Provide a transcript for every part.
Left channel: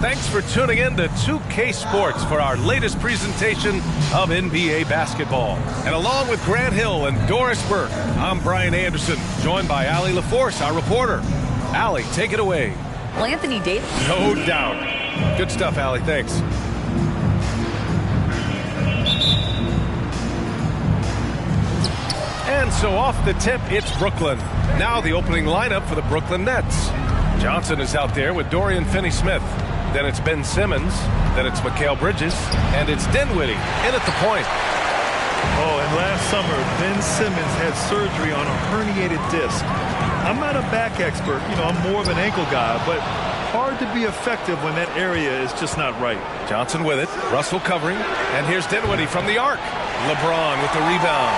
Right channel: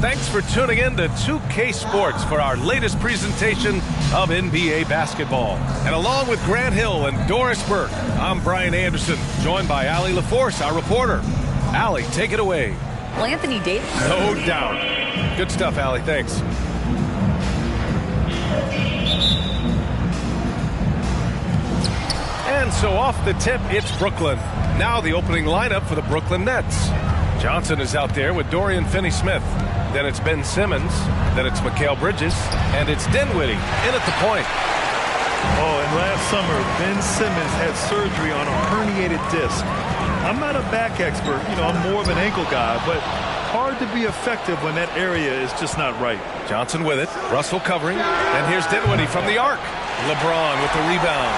Thanks for tuning in to 2K Sports for our latest presentation of NBA basketball. And along with Grant Hill and Doris Burke, I'm Brian Anderson, joined by Allie LaForce, our reporter. Allie, take it away. Well, Anthony Davis. No doubt. Good stuff, Allie. Thanks. And so off the tip, it's Brooklyn. Now the opening lineup for the Brooklyn Nets. Johnson is out there with Dorian Finney-Smith. Then it's Ben Simmons. Then it's Mikal Bridges. And it's Dinwiddie in at the point. Oh, and last summer, Ben Simmons had surgery on a herniated disc. I'm not a back expert. I'm more of an ankle guy, but hard to be effective when that area is just not right. Johnson with it. Russell covering. And here's Dinwiddie from the arc. Lebron with the rebound.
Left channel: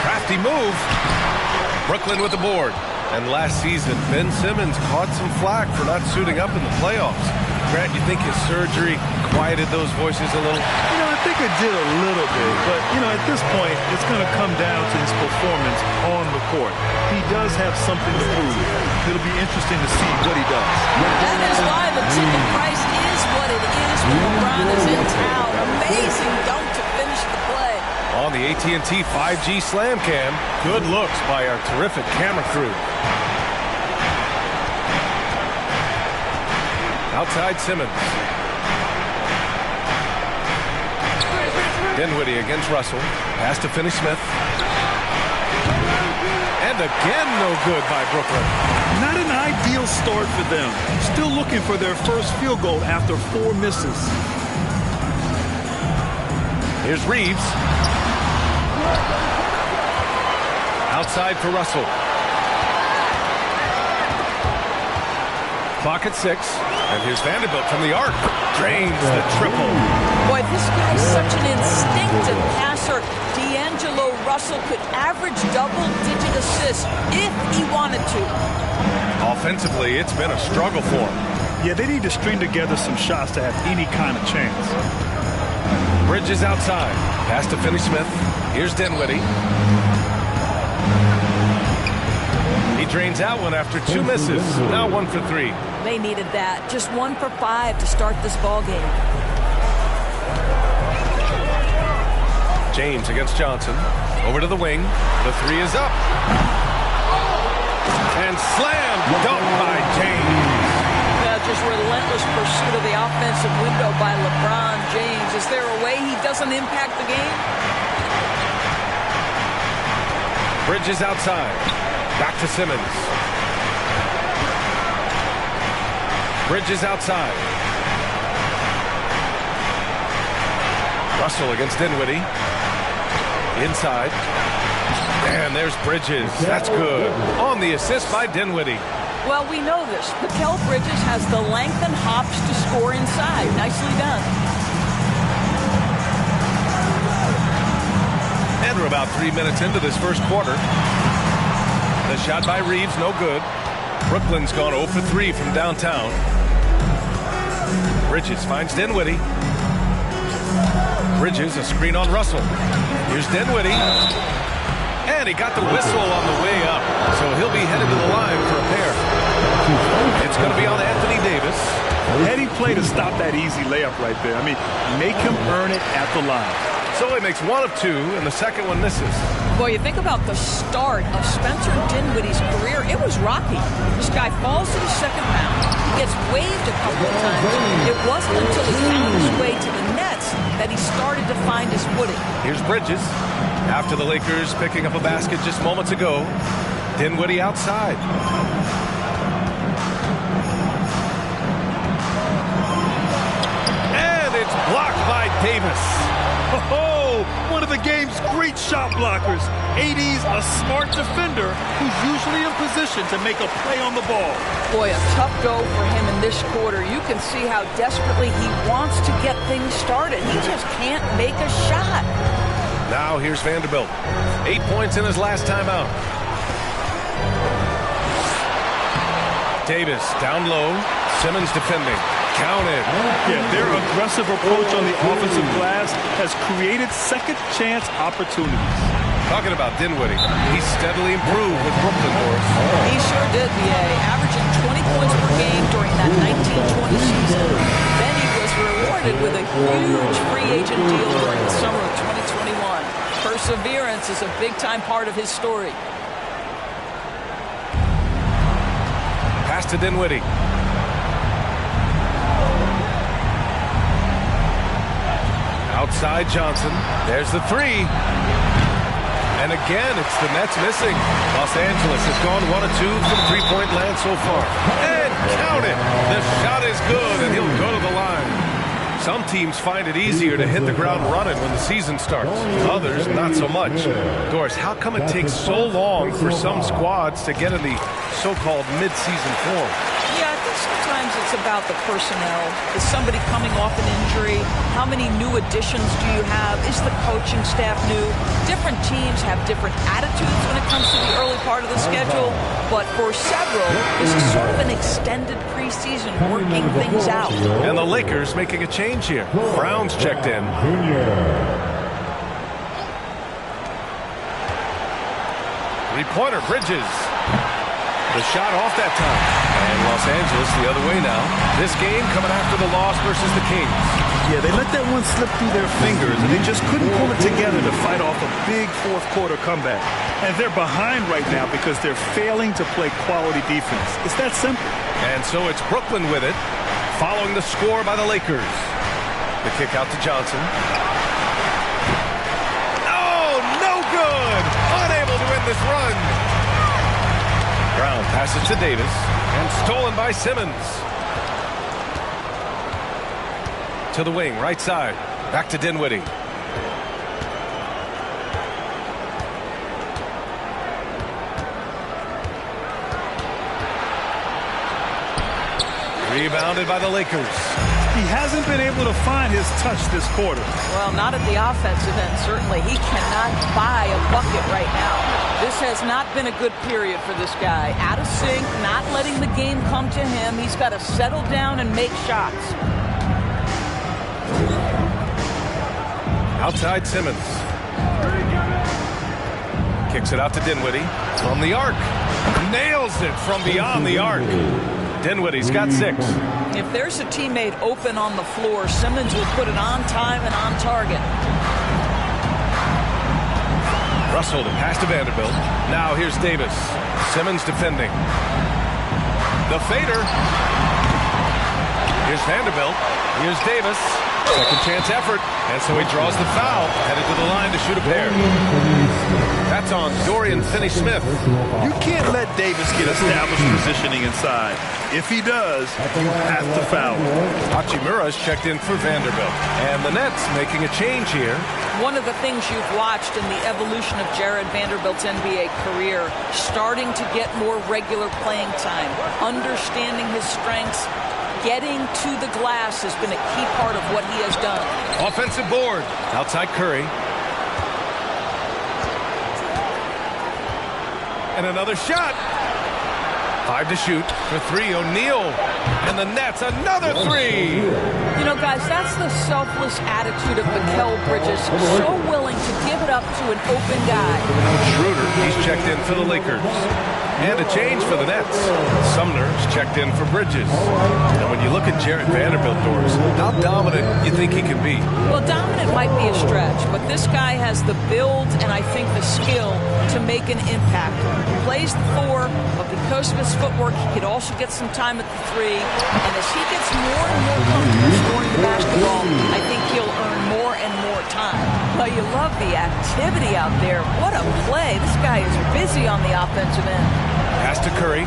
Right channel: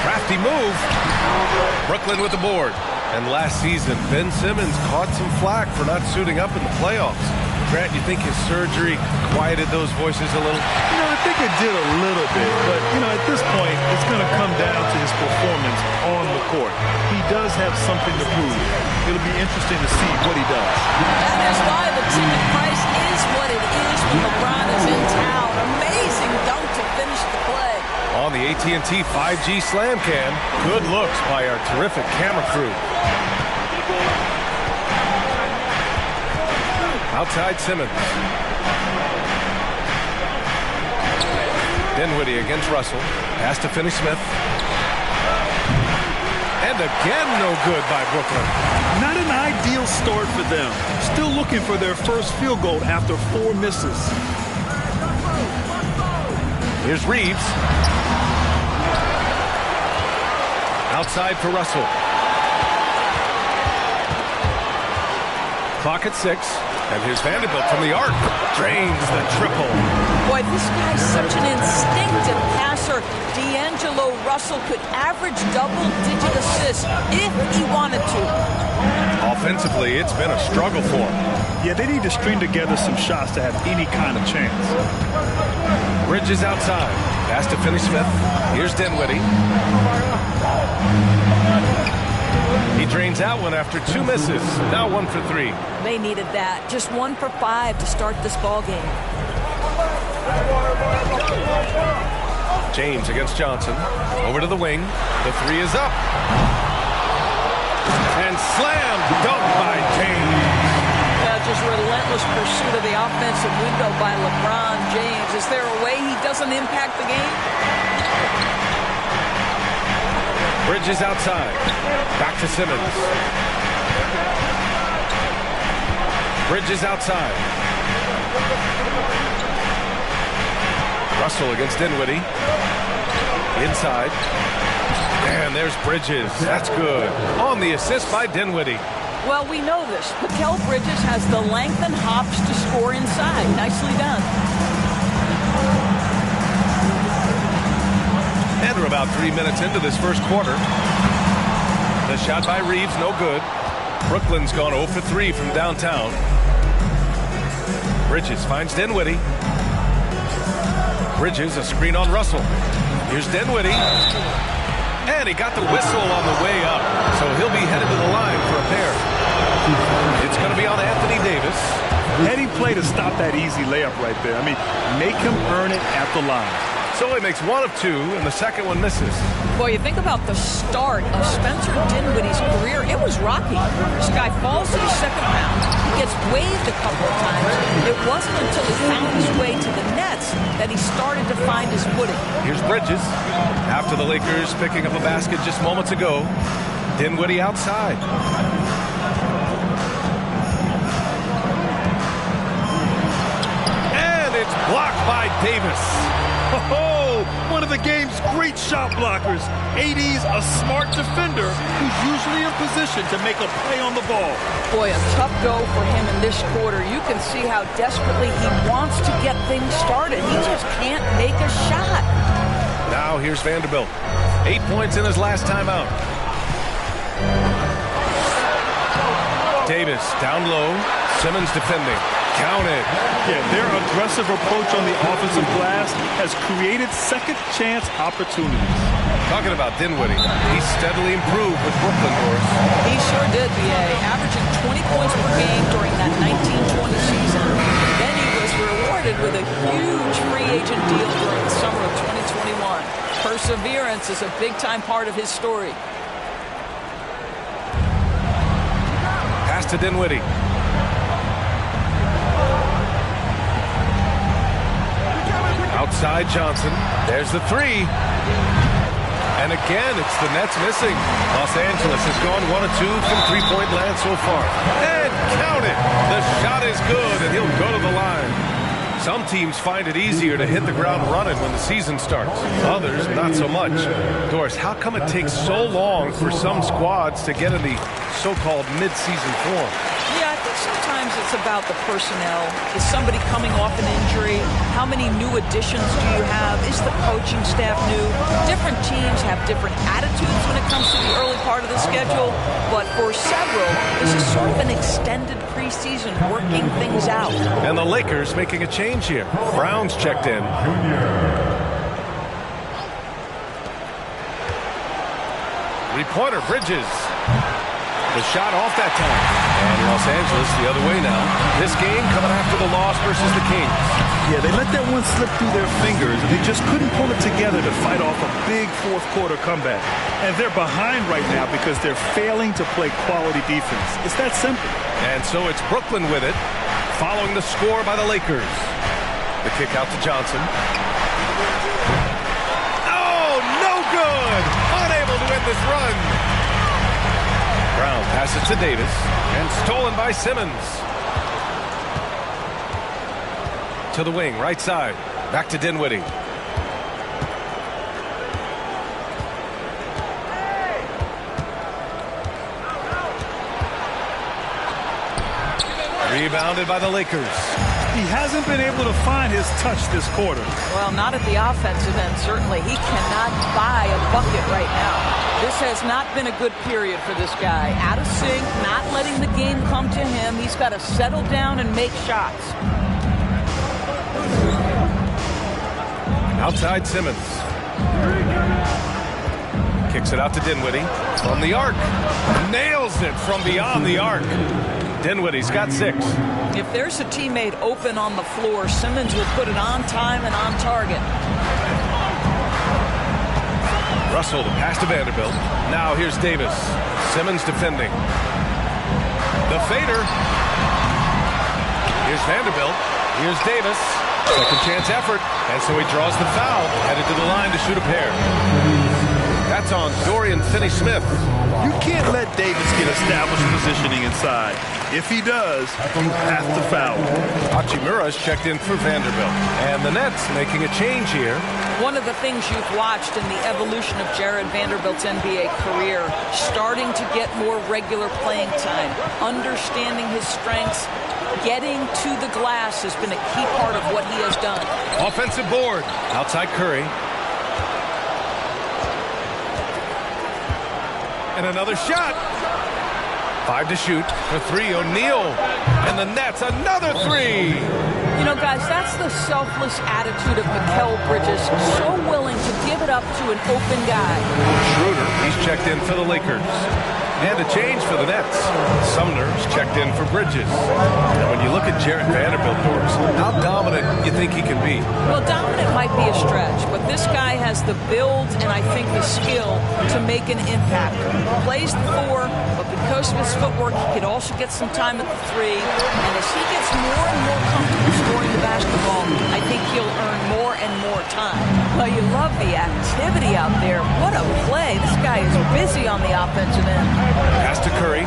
Crafty move. Brooklyn with the board. And last season, Ben Simmons caught some flack for not suiting up in the playoffs. Grant, you think his surgery quieted those voices a little? I think it did a little bit. But, at this point, it's going to come down to his performance on the court. He does have something to prove. It'll be interesting to see what he does. That is why the ticket price is what it is when LeBron is in town. Amazing dunk to finish the play. On the AT&T 5G Slam Cam, good looks by our terrific camera crew. Outside Simmons. Dinwiddie against Russell. Pass to Finney-Smith. And again, no good by Brooklyn. Not an ideal start for them. Still looking for their first field goal after 4 misses. Here's Reeves. Outside for Russell. Clock at 6. And here's Vanderbilt from the arc. Drains the triple. Boy, this guy's such an instinctive passer. D'Angelo Russell could average double-digit assists if he wanted to. Offensively, it's been a struggle for him. Yeah, they need to string together some shots to have any kind of chance. Bridges outside. Pass to Finney-Smith. Here's Dinwiddie. He drains out one after 2 misses. Now 1 for 3. They needed that. Just 1 for 5 to start this ball game. James against Johnson. Over to the wing. The 3 is up. And slam dunk by James. Yeah, just relentless pursuit of the offensive window by LeBron James. Is there a way he doesn't impact the game? Bridges outside. Back to Simmons. Bridges outside. Russell against Dinwiddie. Inside. And there's Bridges. That's good. On the assist by Dinwiddie. Well, we know this. Mikal Bridges has the length and hops to score inside. Nicely done. And we're about 3 minutes into this first quarter. The shot by Reeves, no good. Brooklyn's gone 0 for 3 from downtown. Bridges finds Dinwiddie. Bridges, a screen on Russell. Here's Dinwiddie. And he got the whistle on the way up. So he'll be headed to the line for a pair. It's going to be on Anthony Davis. Heady play to stop that easy layup right there. Make him earn it at the line. So he makes 1 of 2, and the second one misses. Boy, you think about the start of Spencer Dinwiddie's career. It was rocky. This guy falls to the second round. He gets waived a couple of times. It wasn't until he found his way to the Nets that he started to find his footing. Here's Bridges. After the Lakers picking up a basket just moments ago. Dinwiddie outside. And it's blocked by Davis. Oh, one of the game's great shot blockers. AD's a smart defender who's usually in position to make a play on the ball. Boy, a tough go for him in this quarter. You can see how desperately he wants to get things started. He just can't make a shot. Now here's Vanderbilt. 8 points in his last timeout. Davis down low. Simmons defending. Counted. Yeah, their aggressive approach on the offensive glass has created second chance opportunities. Talking about Dinwiddie, he steadily improved with Brooklyn, Doris. He sure did, B.A., averaging 20 points per game during that 1920 season. Then he was rewarded with a huge free agent deal during the summer of 2021. Perseverance is a big-time part of his story. Pass to Dinwiddie. Outside Johnson. There's the three. And again, it's the Nets missing. Los Angeles has gone 1 of 2 from three-point land so far. And count it. The shot is good, and he'll go to the line. Some teams find it easier to hit the ground running when the season starts. Others, not so much. Doris, how come it takes so long for some squads to get in the so-called mid-season form? Yeah, I think sometimes it's about the personnel. Is somebody coming off an injury? How many new additions do you have? Is the coaching staff new? Different teams have different attitudes when it comes to the early part of the schedule. But for several, this is sort of an extended preseason working things out. And the Lakers making a change here. Brown's checked in. Three-pointer, Bridges. The shot off that time. And Los Angeles the other way now. This game coming after the loss versus the Kings. Yeah, they let that one slip through their fingers, and they just couldn't pull it together to fight off a big fourth-quarter comeback. And they're behind right now because they're failing to play quality defense. It's that simple. And so it's Brooklyn with it, following the score by the Lakers. The kick out to Johnson. Oh, no good! Unable to win this run. Brown passes to Davis, and stolen by Simmons. To the wing, right side. Back to Dinwiddie. Rebounded by the Lakers. He hasn't been able to find his touch this quarter. Well, not at the offensive end, certainly. He cannot buy a bucket right now. This has not been a good period for this guy. Out of sync, not letting the game come to him. He's got to settle down and make shots. Outside Simmons. Kicks it out to Dinwiddie from the arc. Nails it from beyond the arc. Dinwiddie's got 6. If there's a teammate open on the floor, Simmons will put it on time and on target. Russell, the pass to Vanderbilt. Now here's Davis. Simmons defending. The fader. Here's Vanderbilt. Here's Davis. Second chance effort. And so he draws the foul. Headed to the line to shoot a pair. That's on Dorian Finney-Smith. You can't let Davis get established positioning inside. If he does, you have to foul him. Hachimura's checked in for Vanderbilt. And the Nets making a change here. One of the things you've watched in the evolution of Jared Vanderbilt's NBA career, starting to get more regular playing time, understanding his strengths, getting to the glass has been a key part of what he has done. Offensive board. Outside Curry. And another shot. 5 to shoot for 3. O'Neal. And the Nets, another 3. You know, guys, that's the selfless attitude of Mikal Bridges. So willing to give it up to an open guy. Schroeder, he's checked in for the Lakers. And a change for the Nets. Sumner's checked in for Bridges. And when you look at Jared Vanderbilt, Doris, how dominant you think he can be? Well, dominant might be a stretch, but this guy has the build and I think the skill to make an impact. Plays the 4, but because of his footwork, he could also get some time at the 3. And as he gets more and more comfortable scoring the basketball, I think he'll earn more and more time. Well, you love the activity out there. What a play. This guy is busy on the offensive end. Pass to Curry.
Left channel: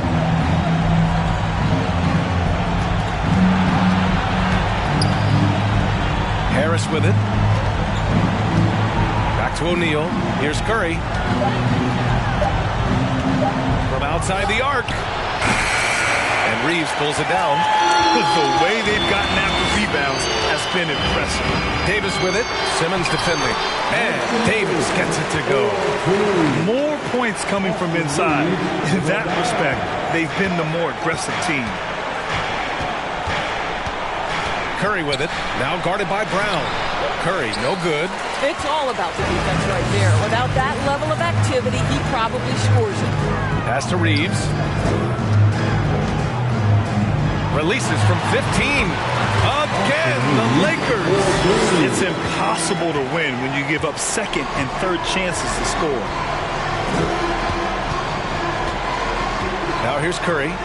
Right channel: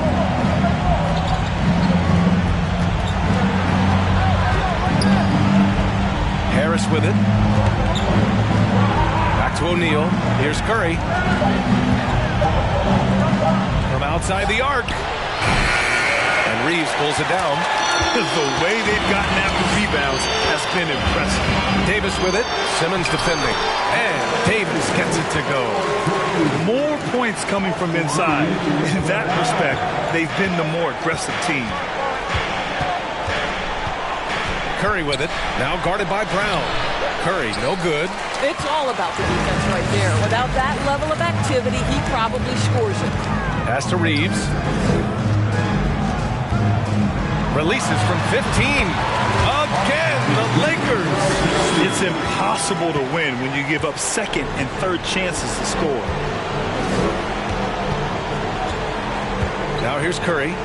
Harris with it. Back to O'Neal. Here's Curry. From outside the arc. And Reeves pulls it down. The way they've gotten after rebounds has been impressive. Davis with it. Simmons defending. And Davis gets it to go. More points coming from inside. In that respect, they've been the more aggressive team. Curry with it. Now guarded by Brown. Curry, no good. It's all about the defense right there. Without that level of activity, he probably scores it. Pass to Reeves. Releases from 15. Again, the Lakers. It's impossible to win when you give up second and third chances to score. Now here's Curry.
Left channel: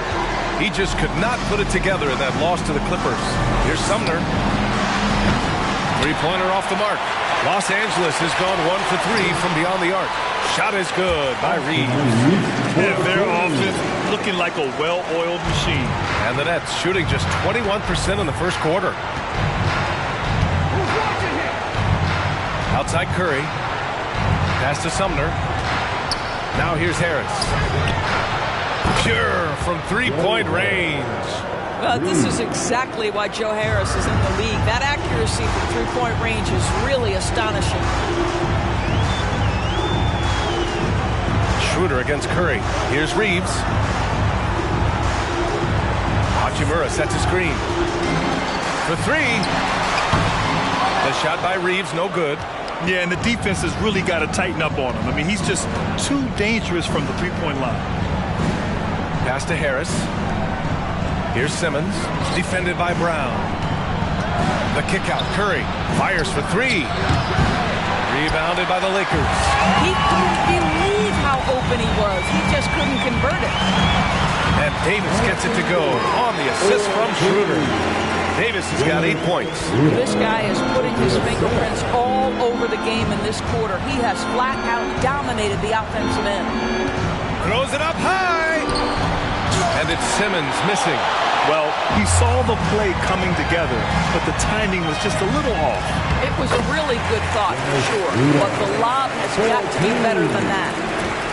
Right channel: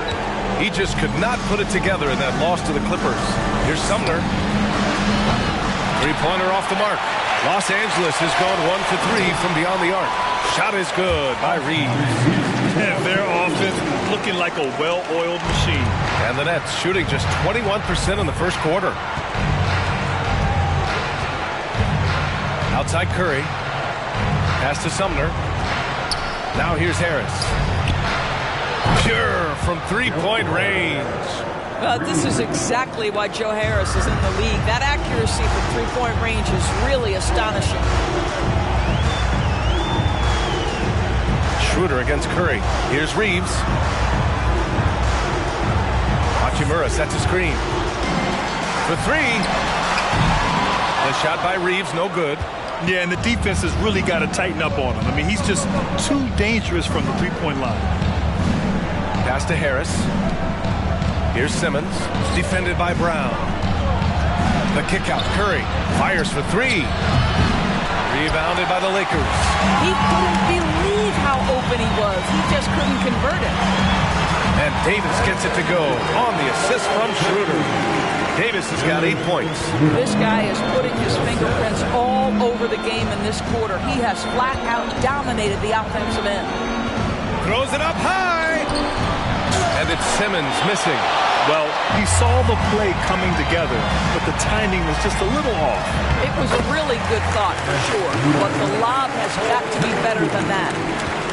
He just could not put it together in that loss to the Clippers. Here's Sumner. Three-pointer off the mark. Los Angeles has gone 1 for 3 from beyond the arc. Shot is good by Reeves. Yeah, their offense looking like a well-oiled machine. And the Nets shooting just 21% in the first quarter. Outside Curry. Pass to Sumner. Now here's Harris. Pure from three-point range. This is exactly why Joe Harris is in the league. That accuracy from three-point range is really astonishing. Schroeder against Curry. Here's Reeves. Hachimura sets a screen. For three. The shot by Reeves, no good. Yeah, and the defense has really got to tighten up on him. I mean, he's just too dangerous from the three-point line. Pass to Harris. Here's Simmons, defended by Brown. The kick out, Curry fires for three. Rebounded by the Lakers. He couldn't believe how open he was. He just couldn't convert it. And Davis gets it to go on the assist from Schroeder. Davis has got 8 points. This guy is putting his fingerprints all over the game in this quarter. He has flat out dominated the offensive end. Throws it up high. And it's Simmons missing. Well, he saw the play coming together, but the timing was just a little off. It was a really good thought for sure, but the lob has got to be better than that.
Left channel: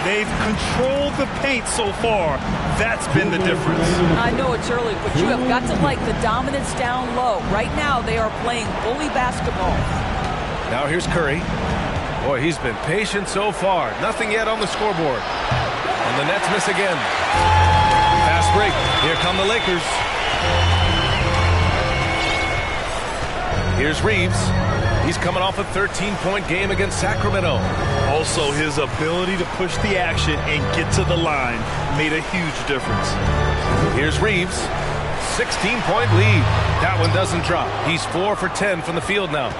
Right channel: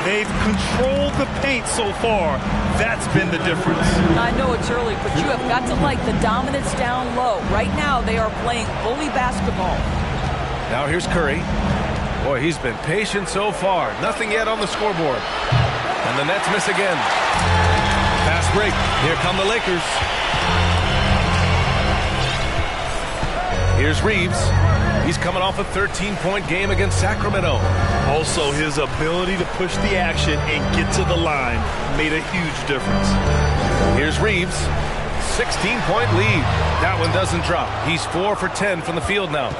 They've controlled the paint so far. That's been the difference. I know it's early, but you have got to like the dominance down low. Right now, they are playing bully basketball. Now here's Curry. Boy, he's been patient so far. Nothing yet on the scoreboard. And the Nets miss again. Fast break. Here come the Lakers. Here's Reeves. He's coming off a 13-point game against Sacramento. Also, his ability to push the action and get to the line made a huge difference. Here's Reeves. 16-point lead. That one doesn't drop. He's 4 for 10 from the field now.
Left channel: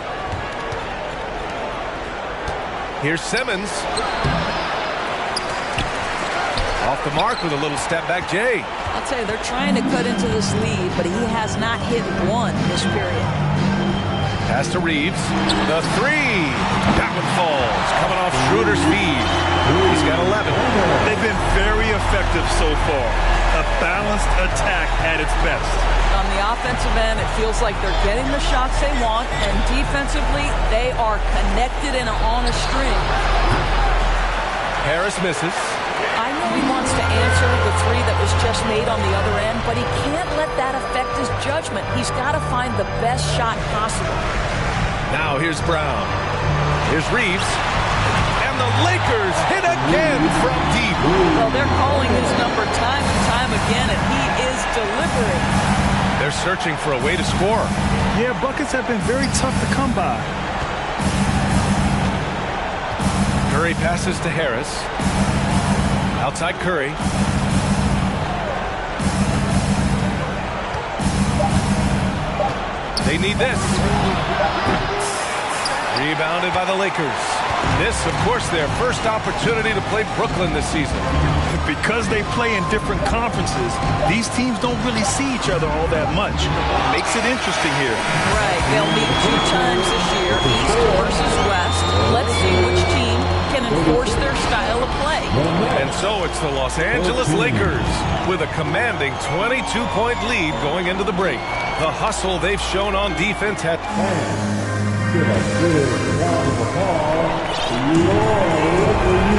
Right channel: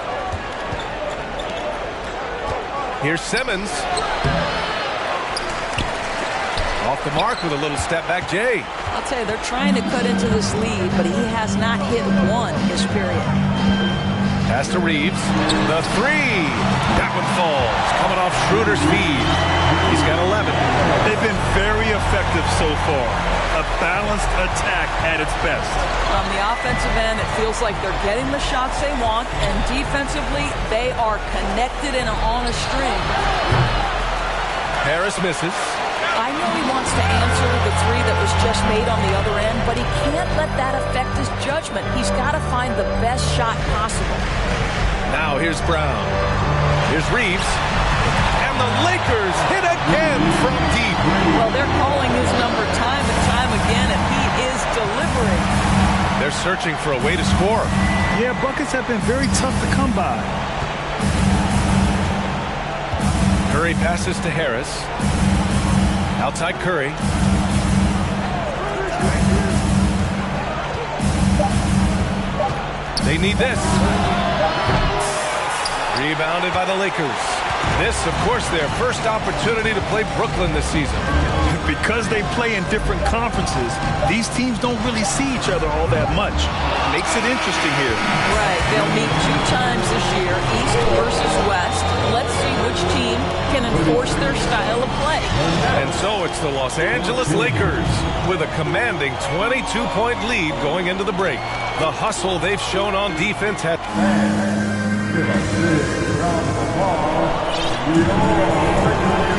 Here's Simmons. Off the mark with a little step back, Jay. I'll tell you, they're trying to cut into this lead, but he has not hit one this period. Pass to Reeves. The three. That one falls. Coming off Schroeder's feed. He's got 11. They've been very effective so far. A balanced attack at its best. On the offensive end, it feels like they're getting the shots they want, and defensively, they are connected and on a string. Harris misses. I know he wants to answer the three that was just made on the other end, but he can't let that affect his judgment. He's got to find the best shot possible. Now here's Brown. Here's Reeves. And the Lakers hit again from deep. Well, they're calling his number time and time again, and he is delivering. They're searching for a way to score. Yeah, buckets have been very tough to come by. Curry passes to Harris. Outside Curry. They need this. Rebounded by the Lakers. This, of course, their first opportunity to play Brooklyn this season. Because they play in different conferences, these teams don't really see each other all that much. Makes it interesting here. Right. They'll meet 2 times this year, East versus West. Let's see which team can enforce their style of play. And so it's the Los Angeles Lakers with a commanding 22-point lead going into the break. The hustle they've shown on defense had...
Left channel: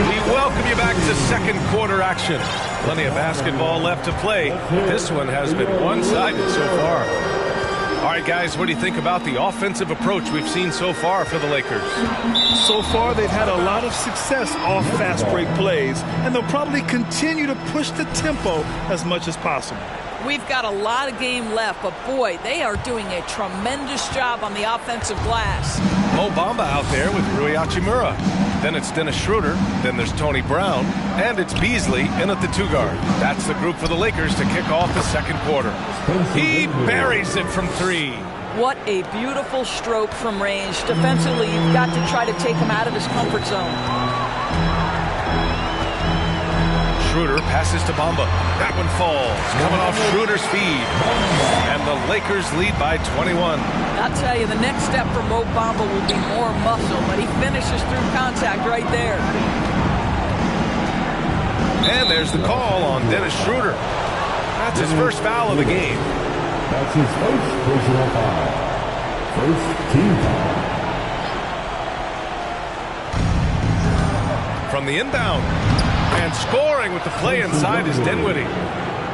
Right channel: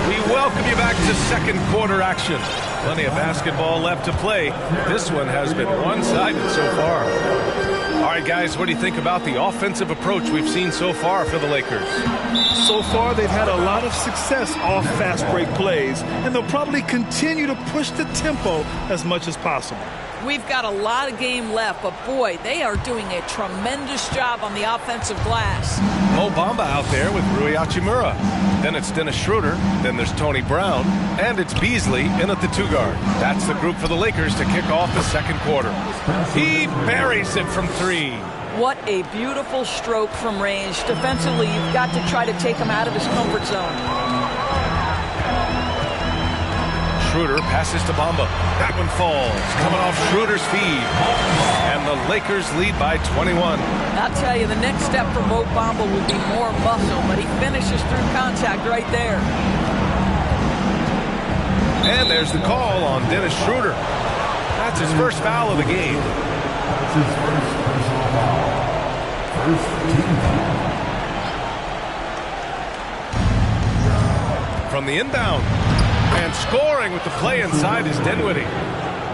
We welcome you back to second quarter action. Plenty of basketball left to play. This one has been one-sided so far. All right, guys, what do you think about the offensive approach we've seen so far for the Lakers? So far, they've had a lot of success off fast break plays, and they'll probably continue to push the tempo as much as possible. We've got a lot of game left, but boy, they are doing a tremendous job on the offensive glass. Mo Bamba out there with Rui Hachimura. Then it's Dennis Schroeder. Then there's Tony Brown. And it's Beasley in at the 2-guard. That's the group for the Lakers to kick off the second quarter. He buries it from 3. What a beautiful stroke from range. Defensively, you've got to try to take him out of his comfort zone. Schroeder passes to Bamba. That one falls, coming off Schroeder's feed. And the Lakers lead by 21. I'll tell you, the next step for Mo Bamba will be more muscle, but he finishes through contact right there. And there's the call on Dennis Schroeder. That's his first foul of the game. That's his first personal foul. First team foul. From the inbound. And scoring with the play inside is Dinwiddie.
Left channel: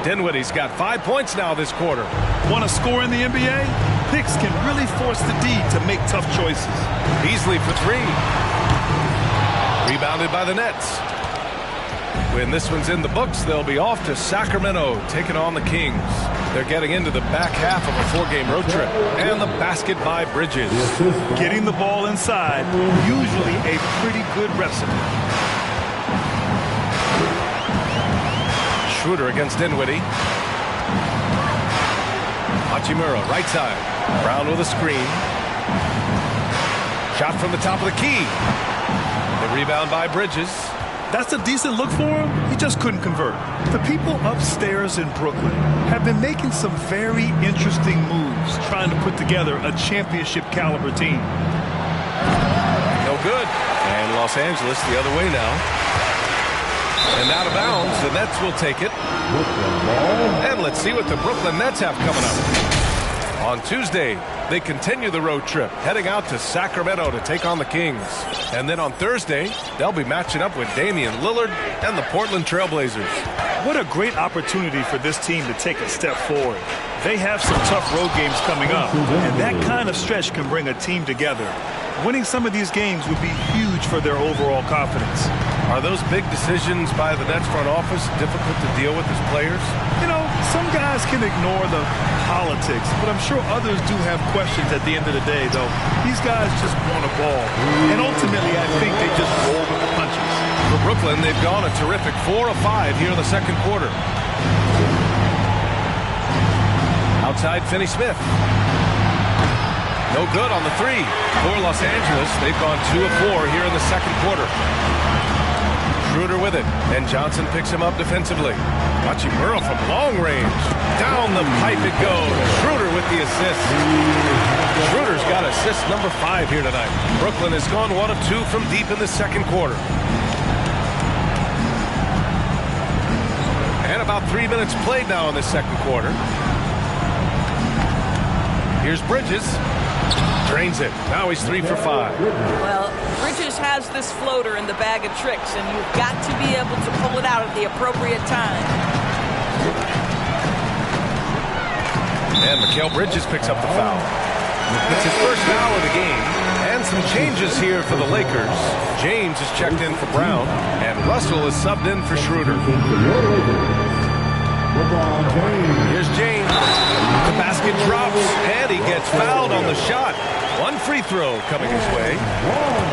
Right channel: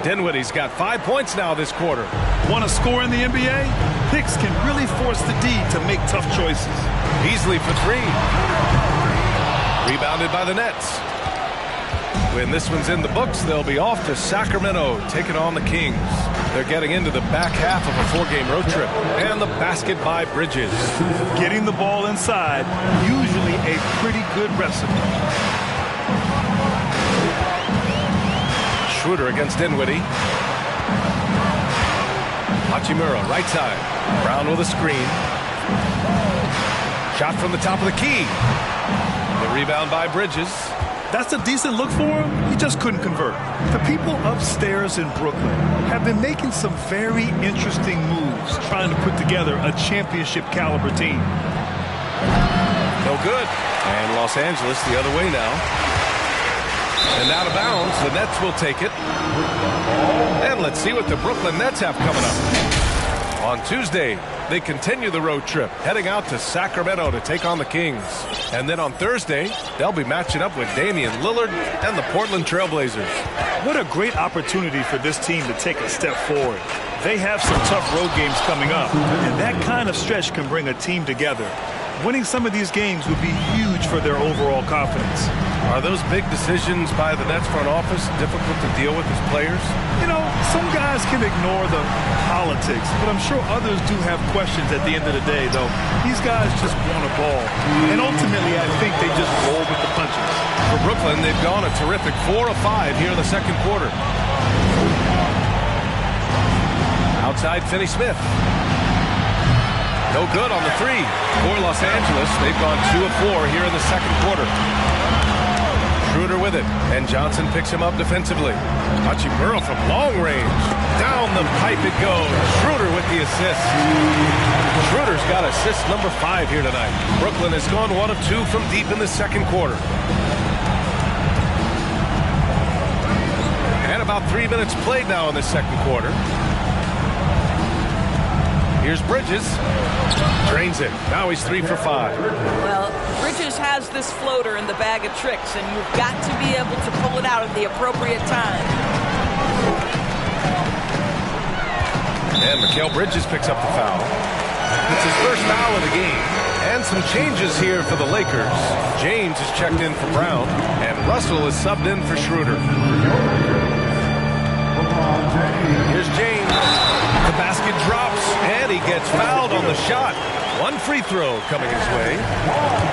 Dinwiddie's got 5 points now this quarter. Want to score in the NBA? Picks can really force the D to make tough choices. Beasley for 3. Rebounded by the Nets. When this one's in the books, they'll be off to Sacramento, taking on the Kings. They're getting into the back half of a 4-game road trip. And the basket by Bridges. Getting the ball inside, usually a pretty good recipe. Schroeder against Dinwiddie. Hachimura, right side. Brown with a screen. Shot from the top of the key. The rebound by Bridges. That's a decent look for him. He just couldn't convert. The people upstairs in Brooklyn have been making some very interesting moves, trying to put together a championship caliber team. No good. And Los Angeles the other way now. And out of bounds, the Nets will take it. And let's see what the Brooklyn Nets have coming up. On Tuesday, they continue the road trip, heading out to Sacramento to take on the Kings. And then on Thursday, they'll be matching up with Damian Lillard and the Portland Trailblazers. What a great opportunity for this team to take a step forward. They have some tough road games coming up, and that kind of stretch can bring a team together. Winning some of these games would be huge for their overall confidence. Are those big decisions by the Nets front office difficult to deal with as players? You know, some guys can ignore the politics, but I'm sure others do have questions at the end of the day, though. These guys just want a ball. And ultimately, I think they just roll with the punches. For Brooklyn, they've gone a terrific 4 of 5 here in the second quarter. Outside, Finney-Smith. No good on the 3. For Los Angeles, they've gone 2 of 4 here in the second quarter. Schroeder with it, and Johnson picks him up defensively. Hachimura from long range. Down the pipe it goes. Schroeder with the assist. Schroeder's got assist number 5 here tonight. Brooklyn has gone 1 of 2 from deep in the second quarter. And about 3 minutes played now in the second quarter. Here's Bridges. Drains it. Now he's 3 for 5. Well, Bridges has this floater in the bag of tricks, and you've got to be able to pull it out at the appropriate time. And Mikal Bridges picks up the foul. It's his first foul of the game. And some changes here for the Lakers. James is checked in for Brown, and Russell is subbed in for Schroeder. Here's James. The basket drops, and he gets fouled on the shot. 1 free throw coming his way.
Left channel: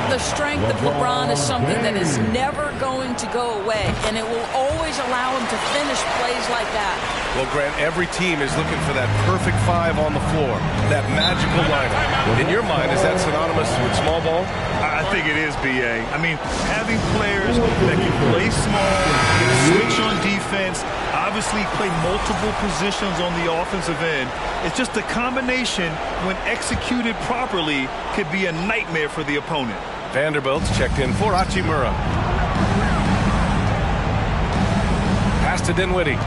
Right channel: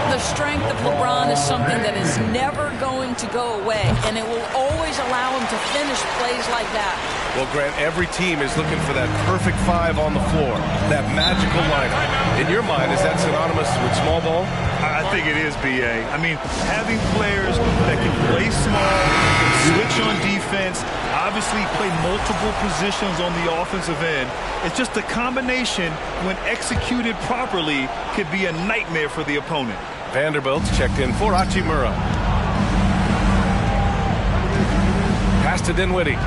The strength of LeBron is something that is never going to go away, and it will always allow him to finish plays like that. Well, Grant, every team is looking for that perfect 5 on the floor, that magical lineup. In your mind, is that synonymous with small ball? I think it is, B.A. I mean, having players that can play small, can switch on defense, obviously play multiple positions on the offensive end. It's just a combination, when executed properly, could be a nightmare for the opponent. Vanderbilt's checked in for Hachimura. Pass to Dinwiddie.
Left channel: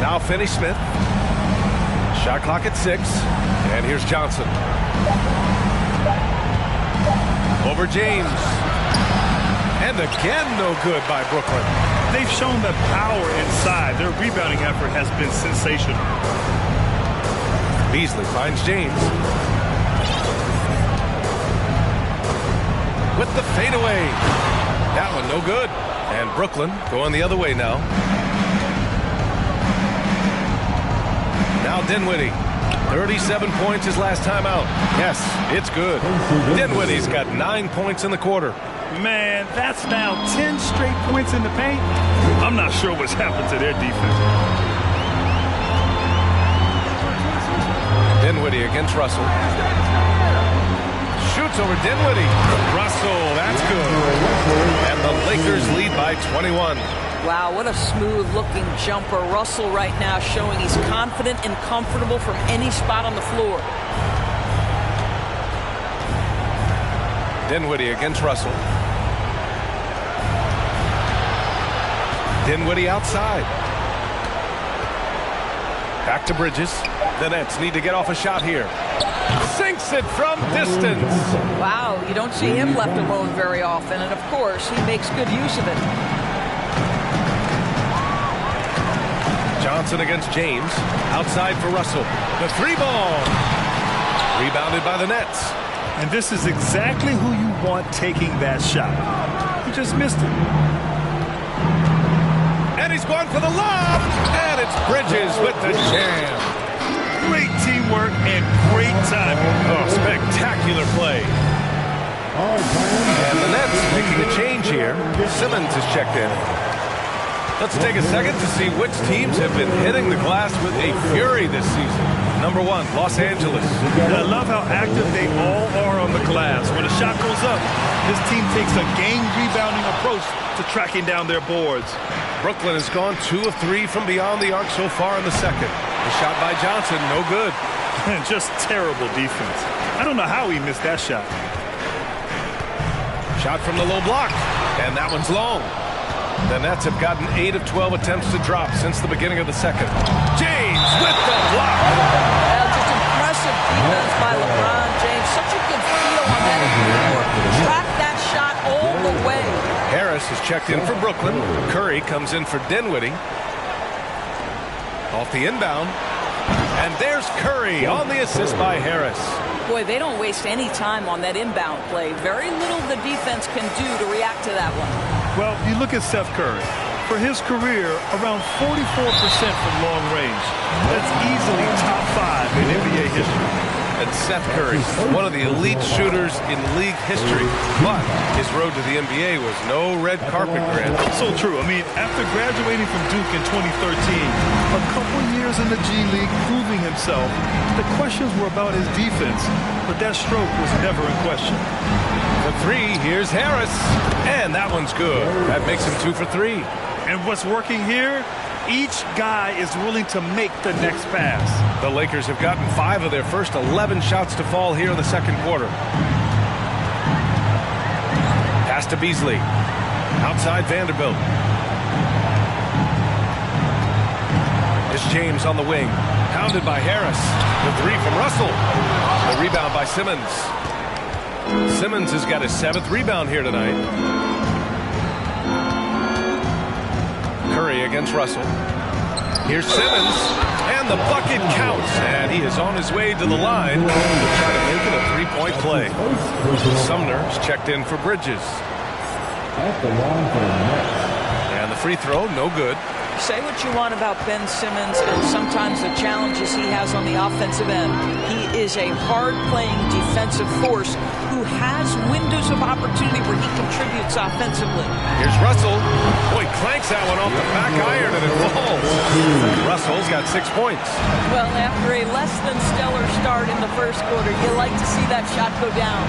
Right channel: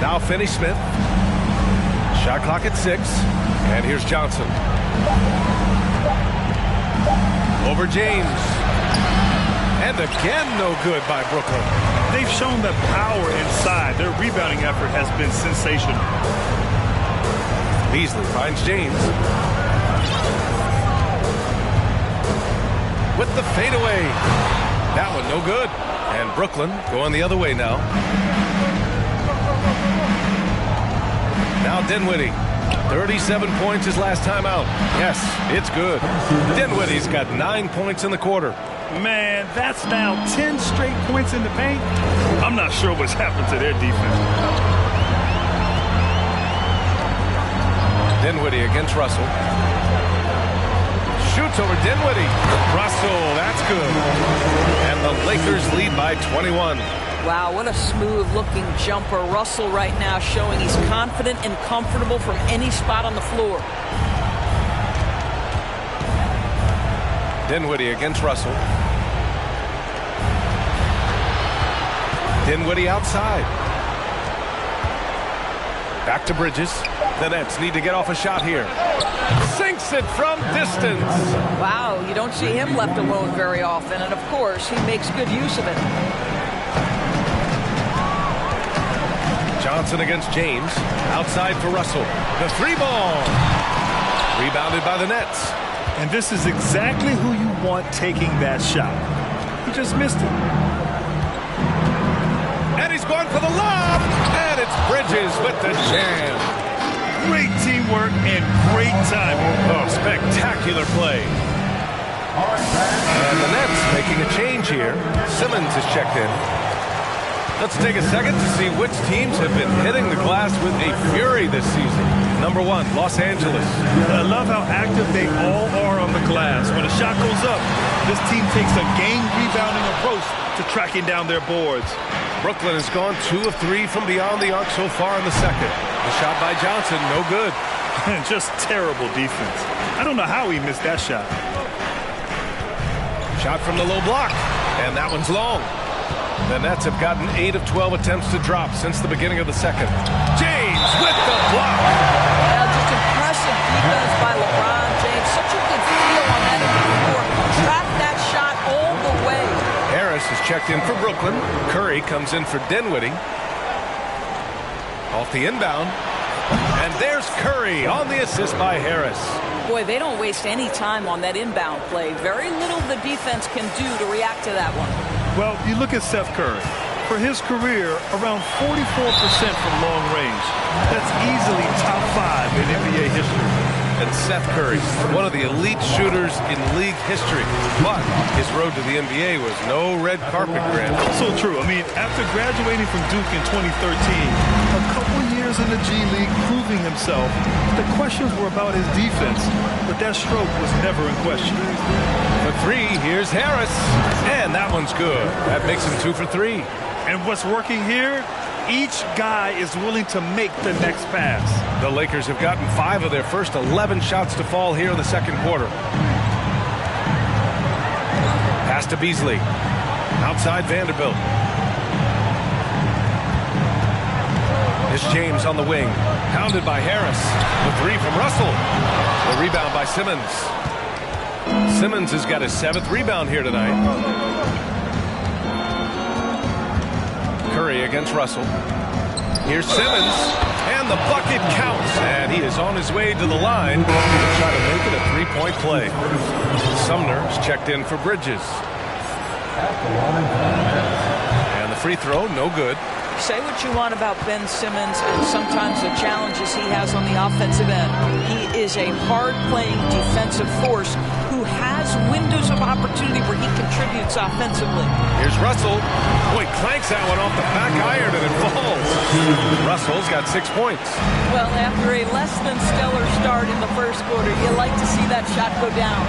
Now Finney-Smith. Shot clock at 6. And here's Johnson. Over James. And again, no good by Brooklyn. They've shown the power inside. Their rebounding effort has been sensational. Beasley finds James. With the fadeaway. That one no good. And Brooklyn going the other way now. Now Dinwiddie. 37 points his last time out. Yes, it's good. Dinwiddie's got 9 points in the quarter. Man, that's now 10 straight points in the paint. I'm not sure what's happened to their defense. Dinwiddie against Russell. Shoots over Dinwiddie. Russell, that's good. And the Lakers lead by 21. Wow, what a smooth-looking jumper. Russell right now showing he's confident and comfortable from any spot on the floor. Dinwiddie against Russell. Dinwiddie outside. Back to Bridges. The Nets need to get off a shot here. Sinks it from distance. Wow, you don't see him left alone very often, and of course, he makes good use of it. Johnson against James. Outside for Russell. The three ball. Rebounded by the Nets. And this is exactly who you want taking that shot. He just missed it. And he's going for the lob. And it's Bridges with the jam. Great teamwork and great timing. Oh, spectacular play. And the Nets making a change here. Simmons is checked in. Let's take a second to see which teams have been hitting the glass with a fury this season. Number 1, Los Angeles. I love how active they all are on the glass. When a shot goes up, this team takes a game rebounding approach to tracking down their boards. Brooklyn has gone 2 of 3 from beyond the arc so far in the second. The shot by Johnson, no good. Just terrible defense. I don't know how he missed that shot. Shot from the low block, and that one's long. The Nets have gotten 8 of 12 attempts to drop since the beginning of the second. James with the block. Well, just impressive defense by Lebron James. Such a good feel on that end of the floor. Track that shot all the way. Harris is checked in for Brooklyn. Curry comes in for Dinwiddie. Off the inbound. And there's Curry on the assist by Harris. Boy, they don't waste any time on that inbound play. Very little the defense can do to react to that one. Well, you look at Seth Curry. For his career, around 44% from long range. That's easily top 5 in NBA history. And Seth Curry, one of the elite shooters in league history. But his road to the NBA was no red carpet grant. So true. I mean, after graduating from Duke in 2013, a couple years in the G League proving himself, the questions were about his defense, but that stroke was never in question. The 3, here's Harris. And that one's good. That makes him 2 for 3. And what's working here? Each guy is willing to make the next pass. The Lakers have gotten 5 of their first 11 shots to fall here in the second quarter. Pass to Beasley. Outside Vanderbilt. It's James on the wing. Pounded by Harris. The 3 from Russell. The rebound by Simmons. Simmons has got his 7th rebound here tonight. Curry against Russell. Here's Simmons, and the bucket counts, and he is on his way to the line to try to make it a 3-point play. Sumner is checked in for Bridges. And the free throw, no good. Say what you want about Ben Simmons and sometimes the challenges he has on the offensive end. He is a hard-playing defensive force who has windows of opportunity where he contributes offensively. Here's Russell. Boy, clanks that one off the back iron and it falls. Russell's got 6 points. Well, after a less than stellar start in the first quarter, you like to see that shot go down.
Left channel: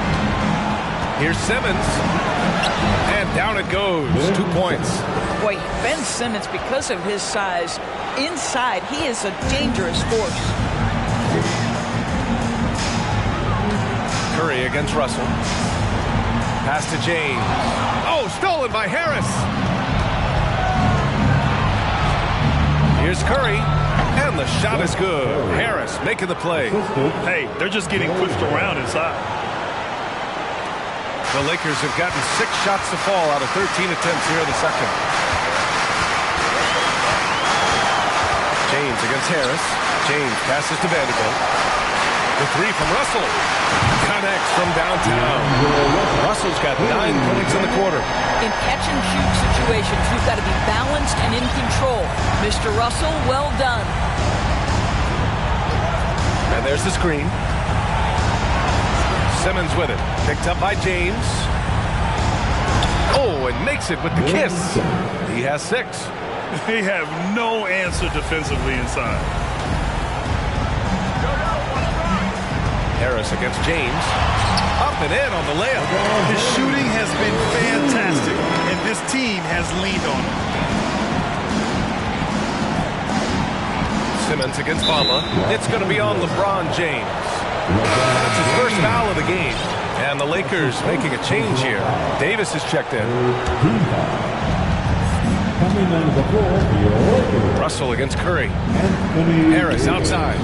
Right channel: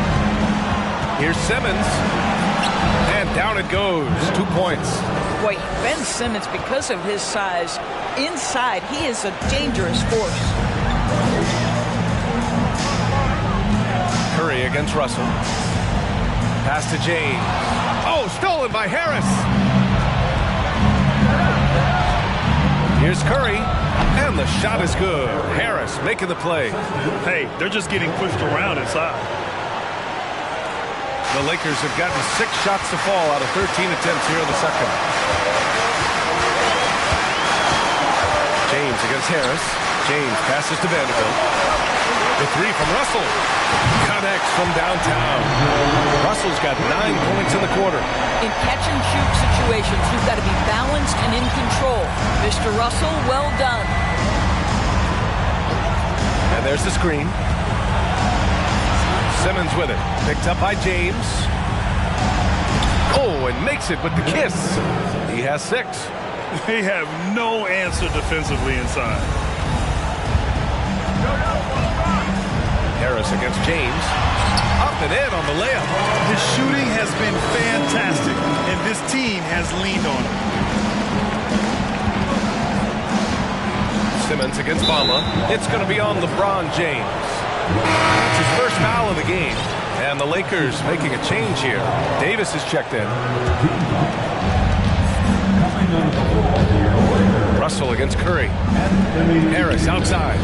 Here's Simmons. And down it goes. 2 points. Boy, Ben Simmons, because of his size, inside, he is a dangerous force. Curry against Russell. Pass to James. Oh, stolen by Harris. Here's Curry. And the shot is good. Harris making the play. Hey, they're just getting pushed around inside. The Lakers have gotten 6 shots to fall out of 13 attempts here in the second. James against Harris. James passes to Vanderbilt. The three from Russell. Connects from downtown. Russell's got 9 points in the quarter. In catch-and-shoot situations, you've got to be balanced and in control. Mr. Russell, well done. And there's the screen. Simmons with it. Picked up by James. Oh, and makes it with the kiss. He has 6. They have no answer defensively inside. Harris against James. Up and in on the layup. His shooting has been fantastic, and this team has leaned on him. Simmons against Bamba. It's going to be on LeBron James. That's his first foul of the game. And the Lakers making a change here. Davis is checked in. Russell against Curry. Harris outside.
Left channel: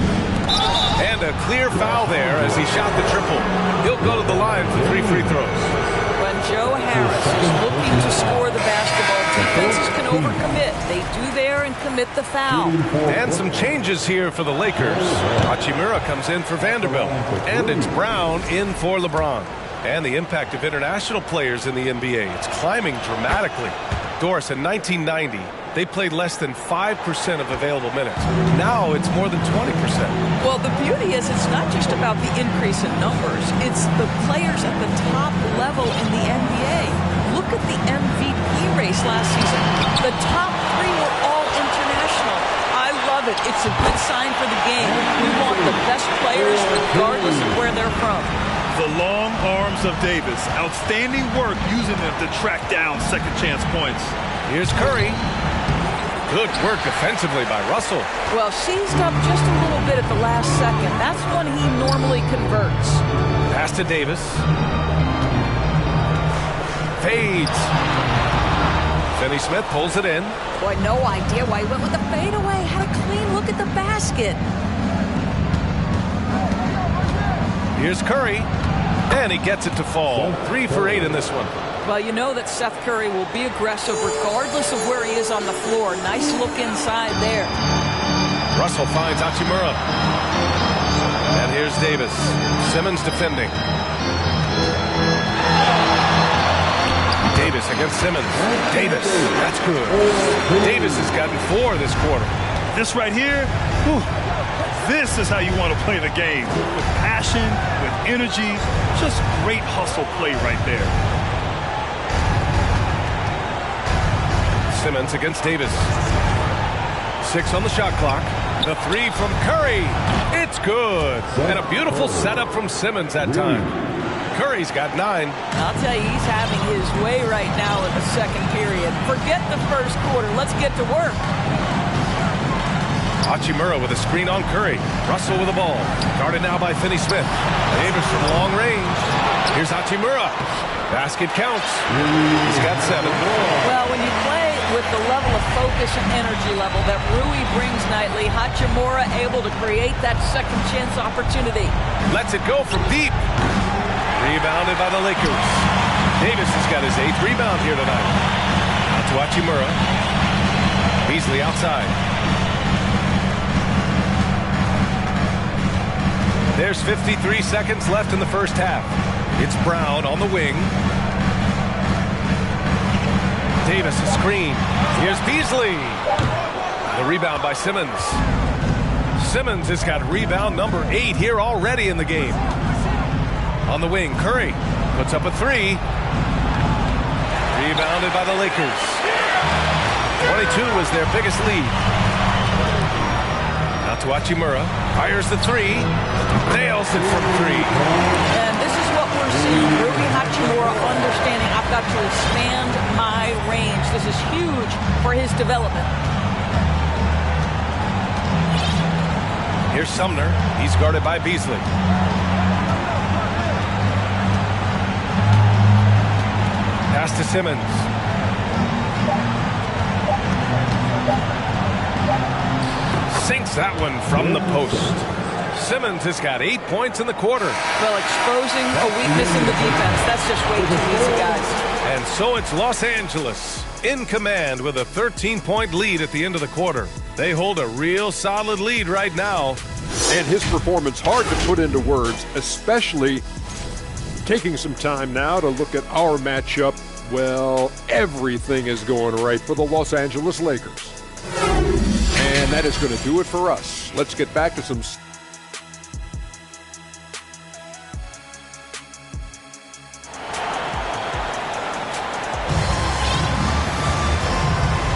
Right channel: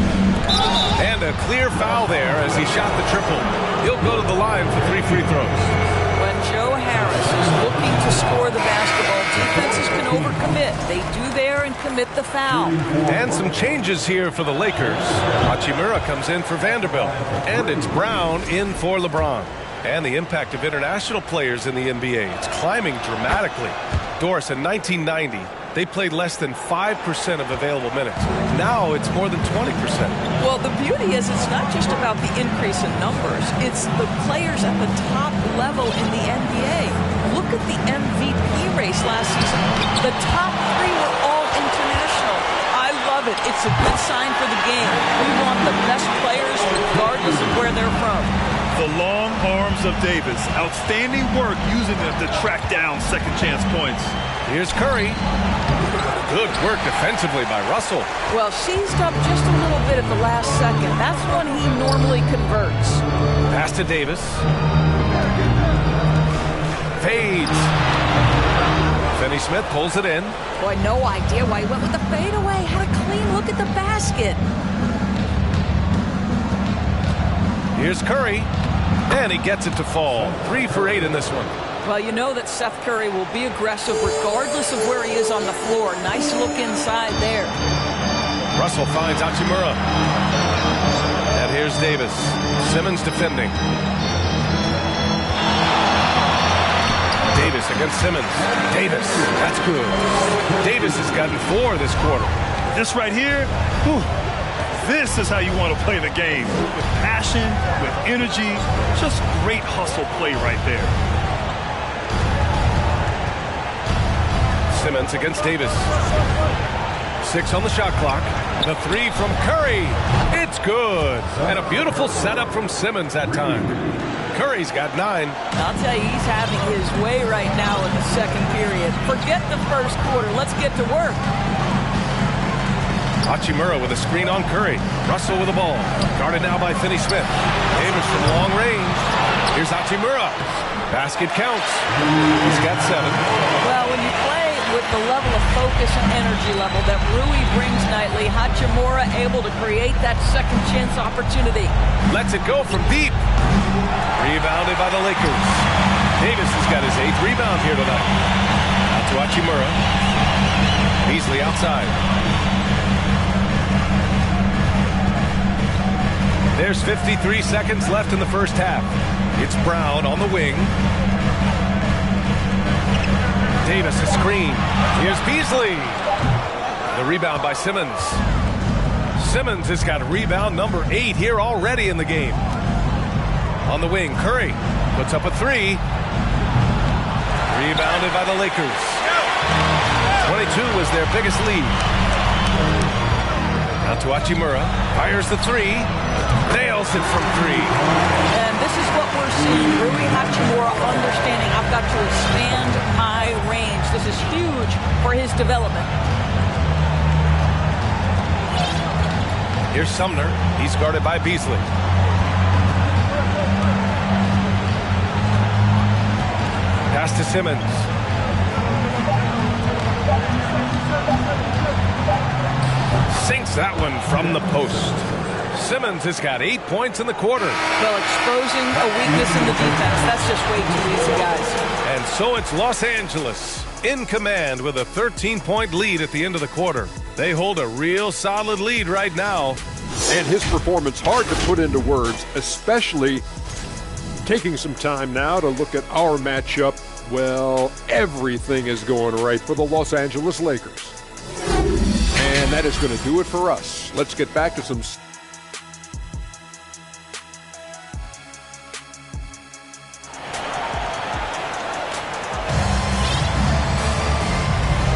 And a clear foul there as he shot the triple. He'll go to the line for 3 free throws. When Joe Harris is looking to score the basketball, defenses can overcommit. They do there and commit the foul. And some changes here for the Lakers. Hachimura comes in for Vanderbilt. And it's Brown in for LeBron. And the impact of international players in the NBA. It's climbing dramatically. Doris, in 1990, they played less than 5% of available minutes. Now it's more than 20%. Well, the beauty is it's not just about the increase in numbers. It's the players at the top level in the NBA. Look at the MVP race last season. The top 3 were all international. I love it. It's a good sign for the game. We want the best players regardless of where they're from. The long arms of Davis. Outstanding work using them to track down second chance points. Here's Curry. Good work defensively by Russell. Well, seized up just a little bit at the last second. That's when he normally converts. Pass to Davis. Fades. Finney-Smith pulls it in. Boy, no idea why he went with the fadeaway. Had a clean look at the basket. Here's Curry. And he gets it to fall. 3 for 8 in this one. Well, you know that Seth Curry will be aggressive regardless of where he is on the floor. Nice look inside there. Russell finds Hachimura. And here's Davis. Simmons defending. Davis against Simmons. Davis. That's good. Davis has gotten 4 this quarter. This right here, whew, this is how you want to play the game. With passion, with energy, just great hustle play right there. Simmons against Davis. 6 on the shot clock. The 3 from Curry. It's good. And a beautiful setup from Simmons that time. Curry's got 9. I'll tell you, he's having his way right now in the second period. Forget the first quarter. Let's get to work. Hachimura with a screen on Curry. Russell with the ball. Guarded now by Finney-Smith. Davis from long range. Here's Hachimura. Basket counts. He's got 7. Well, when you play with the level of focus and energy level that Rui brings nightly, Hachimura able to create that second chance opportunity. Lets it go from deep. Rebounded by the Lakers. Davis has got his 8th rebound here tonight. Out to Hachimura. Beasley outside. There's 53 seconds left in the first half. It's Brown on the wing. Davis a screen. Here's Beasley. The rebound by Simmons. Simmons has got rebound number 8 here already in the game. On the wing, Curry puts up a 3. Rebounded by the Lakers. 22 was their biggest lead. Now to Hachimura. Fires the 3. Nails it from 3. And this is what we're seeing. Rui Hachimura understanding I've got to expand my range. This is huge for his development. Here's Sumner. He's guarded by Beasley. Pass to Simmons. Sinks that one from the post. Simmons has got 8 points in the quarter. Well, exposing a weakness in the defense. That's just way too easy, guys. And so it's Los Angeles in command with a 13-point lead at the end of the quarter. They hold a real solid lead right now. And his performance hard to put into words, especially taking some time now to look at our matchup. Well, everything is going right for the Los Angeles Lakers. And that is going to do it for us. Let's get back to some...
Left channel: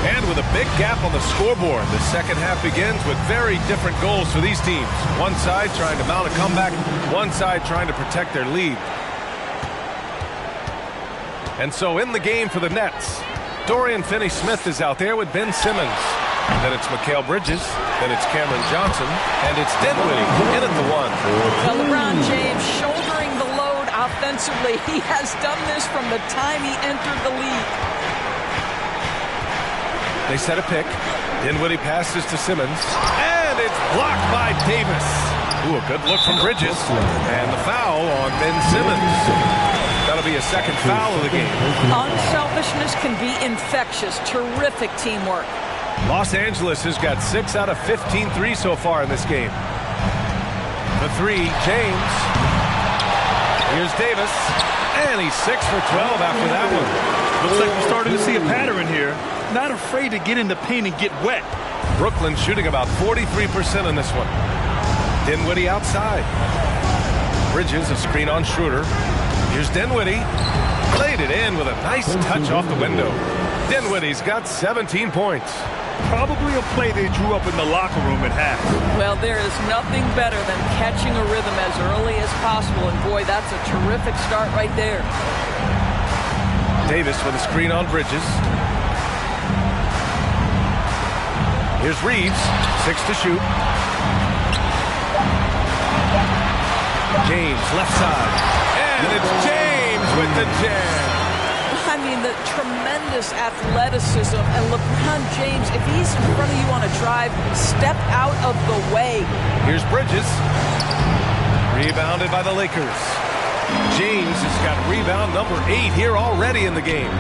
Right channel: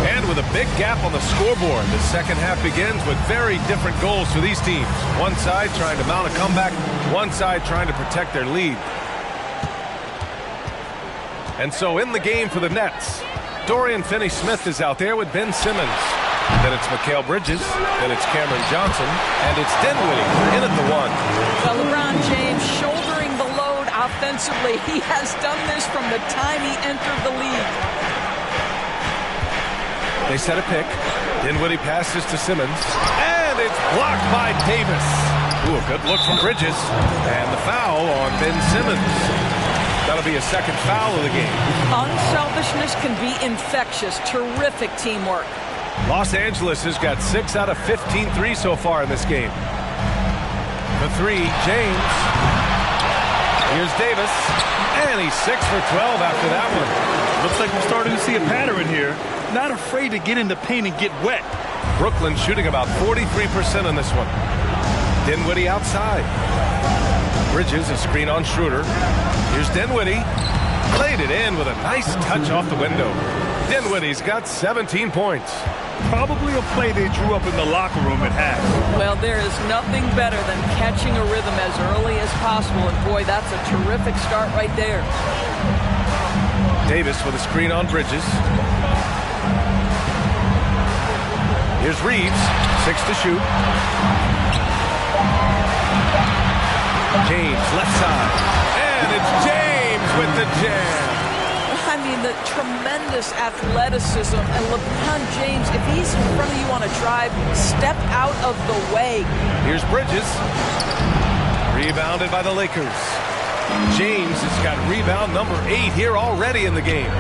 And with a big gap on the scoreboard, the second half begins with very different goals for these teams. One side trying to mount a comeback, one side trying to protect their lead. And so in the game for the Nets, Dorian Finney-Smith is out there with Ben Simmons. Then it's Mikal Bridges, then it's Cameron Johnson, and it's Dinwiddie in at the one. Well, LeBron James shouldering the load offensively. He has done this from the time he entered the league. They set a pick. Dinwiddie passes to Simmons, and it's blocked by Davis. Ooh, a good look from Bridges, and the foul on Ben Simmons. That'll be a second foul of the game. Unselfishness can be infectious. Terrific teamwork. Los Angeles has got 6 out of 15 threes so far in this game. The three, James. Here's Davis, and he's 6 for 12 after that one. Looks like we're starting to see a pattern here. Not afraid to get in the paint and get wet. Brooklyn shooting about 43% in this one. Dinwiddie outside. Bridges, a screen on Schroeder. Here's Dinwiddie. Played it in with a nice touch off the window. Dinwiddie's got 17 points. Probably a play they drew up in the locker room at half. Well, there is nothing better than catching a rhythm as early as possible. And boy, that's a terrific start right there. Davis with a screen on Bridges. Here's Reeves, 6 to shoot. James, left side. And it's James with the jam. I mean, the tremendous athleticism. And LeBron James, if he's in front of you on a drive, step out of the way. Here's Bridges. Rebounded by the Lakers. James has got rebound number 8 here already in the game.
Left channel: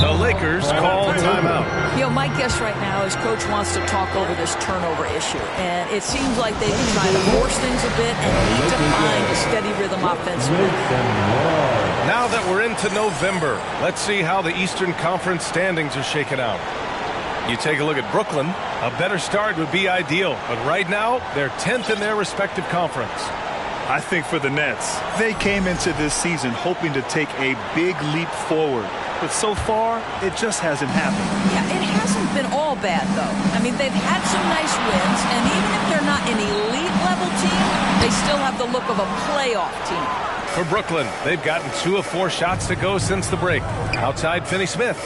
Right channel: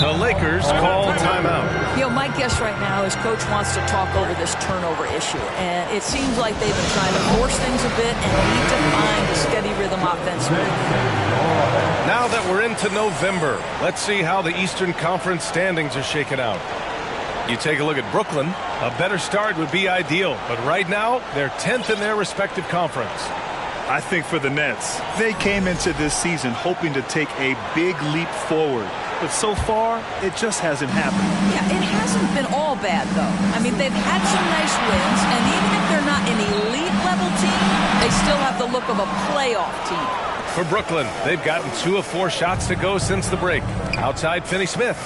The Lakers call timeout. You know, my guess right now is Coach wants to talk over this turnover issue. And it seems like they've been trying to force things a bit and need to find a steady rhythm offensively. Now that we're into November, let's see how the Eastern Conference standings are shaken out. You take a look at Brooklyn. A better start would be ideal. But right now, they're 10th in their respective conference. I think for the Nets, they came into this season hoping to take a big leap forward. But so far, it just hasn't happened. Yeah, it hasn't been all bad, though. I mean, they've had some nice wins, and even if they're not an elite-level team, they still have the look of a playoff team. For Brooklyn, they've gotten 2 of 4 shots to go since the break. Outside Finney-Smith.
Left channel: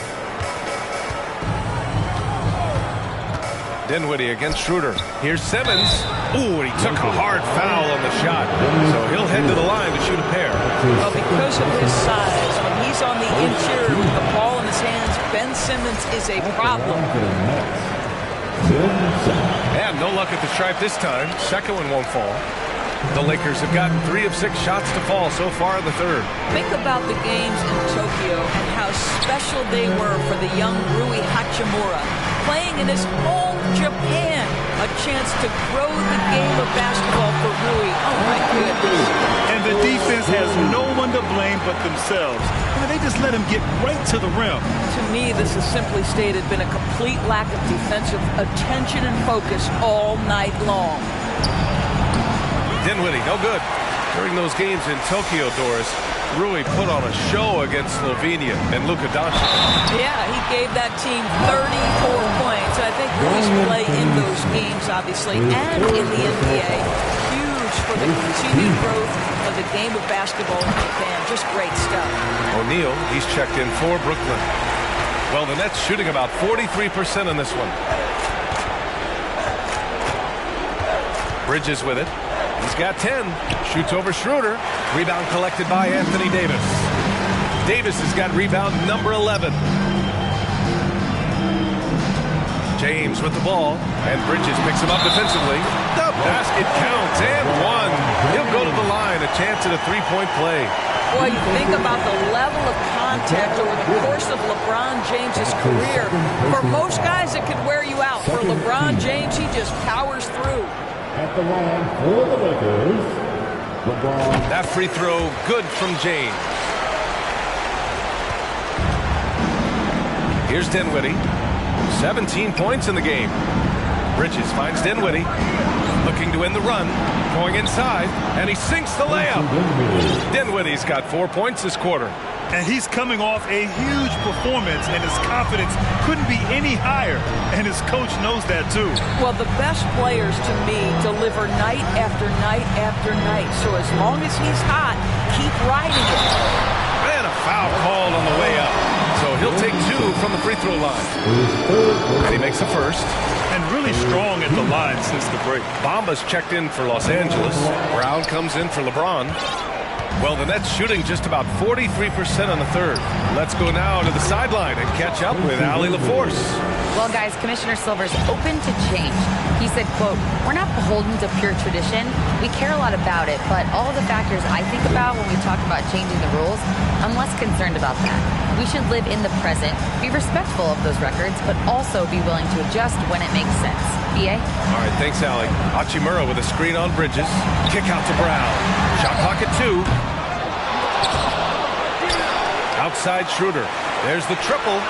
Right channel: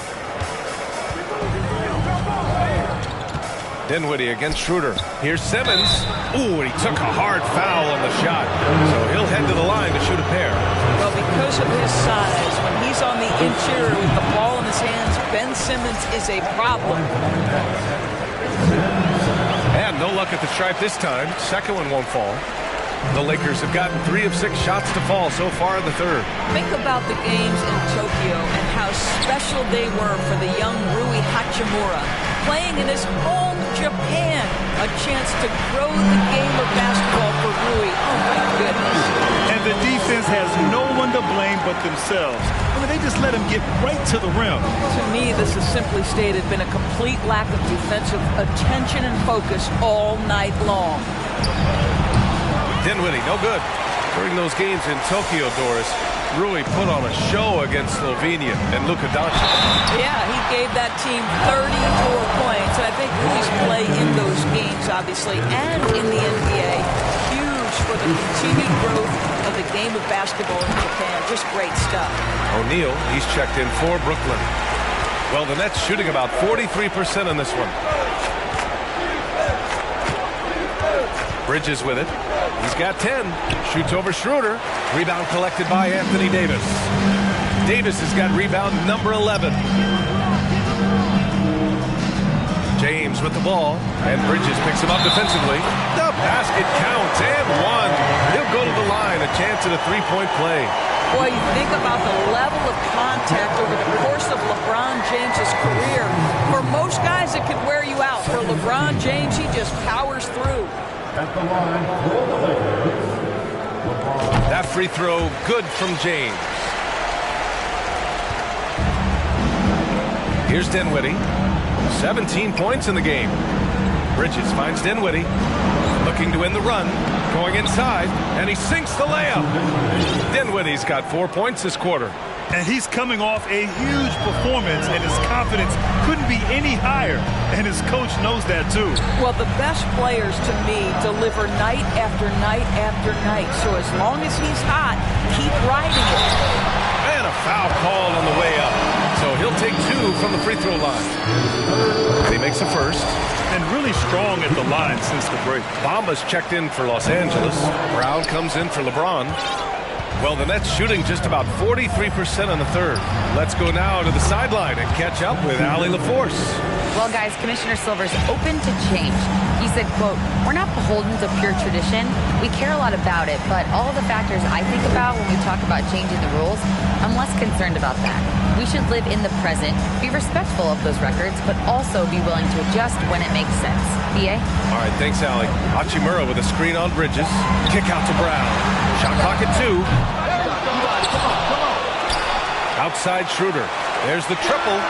Dinwiddie against Schroeder. Here's Simmons. Ooh, and he took a hard foul on the shot. So he'll head to the line to shoot a pair. Well, because of his size, when he's on the interior with the ball in his hands, Ben Simmons is a problem. And no luck at the stripe this time. Second one won't fall. The Lakers have gotten 3 of 6 shots to fall so far in the third. Think about the games in Tokyo and how special they were for the young Rui Hachimura. Playing in his home Japan, a chance to grow the game of basketball for Rui. Oh, my goodness. And the defense has no one to blame but themselves. I mean, they just let him get right to the rim. To me, this has simply stated been a complete lack of defensive attention and focus all night long. Dinwiddie, no good. During those games in Tokyo, Doris, Rui put on a show against Slovenia and Luka Doncic. Yeah, he gave that team 34 points. And I think Rui's play in those games, obviously, and in the NBA, huge for the continued growth of the game of basketball in Japan. Just great stuff. O'Neal, he's checked in for Brooklyn. Well, the Nets shooting about 43% in this one. Bridges with it. He's got 10. Shoots over Schroeder. Rebound collected by Anthony Davis. Davis has got rebound number 11. James with the ball. And Bridges picks him up defensively. The basket counts and one. He'll go to the line. A chance at a 3-point play. Boy, you think about the level of contact over the course of LeBron James's career. For most guys, it could wear you out. For LeBron James, he just powers through. At the line for the Lakers, LeBron. That free throw good from James. Here's Dinwiddie. 17 points in the game. Bridges finds Dinwiddie. Looking to win the run. Going inside. And he sinks the layup. Dinwiddie's got 4 points this quarter. And he's coming off a huge performance, and his confidence couldn't be any higher. And his coach knows that, too. Well, the best players, to me, deliver night after night after night. So as long as he's hot, keep riding it. And a foul called on the way up. So he'll take 2 from the free throw line. And he makes the first. And really strong at the line since the break. Bamba's checked in for Los Angeles. Brown comes in for LeBron. Well, the Nets shooting just about 43% on the third. Let's go now to the sideline and catch up with Allie LaForce. Well, guys, Commissioner Silver's open to change. He said, quote, "We're not beholden to pure tradition. We care a lot about it, but all of the factors I think about when we talk about changing the rules, I'm less concerned about that. We should live in the present, be respectful of those records, but also be willing to adjust when it makes sense." B.A.? All right, thanks, Allie. Hachimura with a screen on Bridges. Kick out to Brown. Shot clock at 2. Outside Schroeder. There's the triple.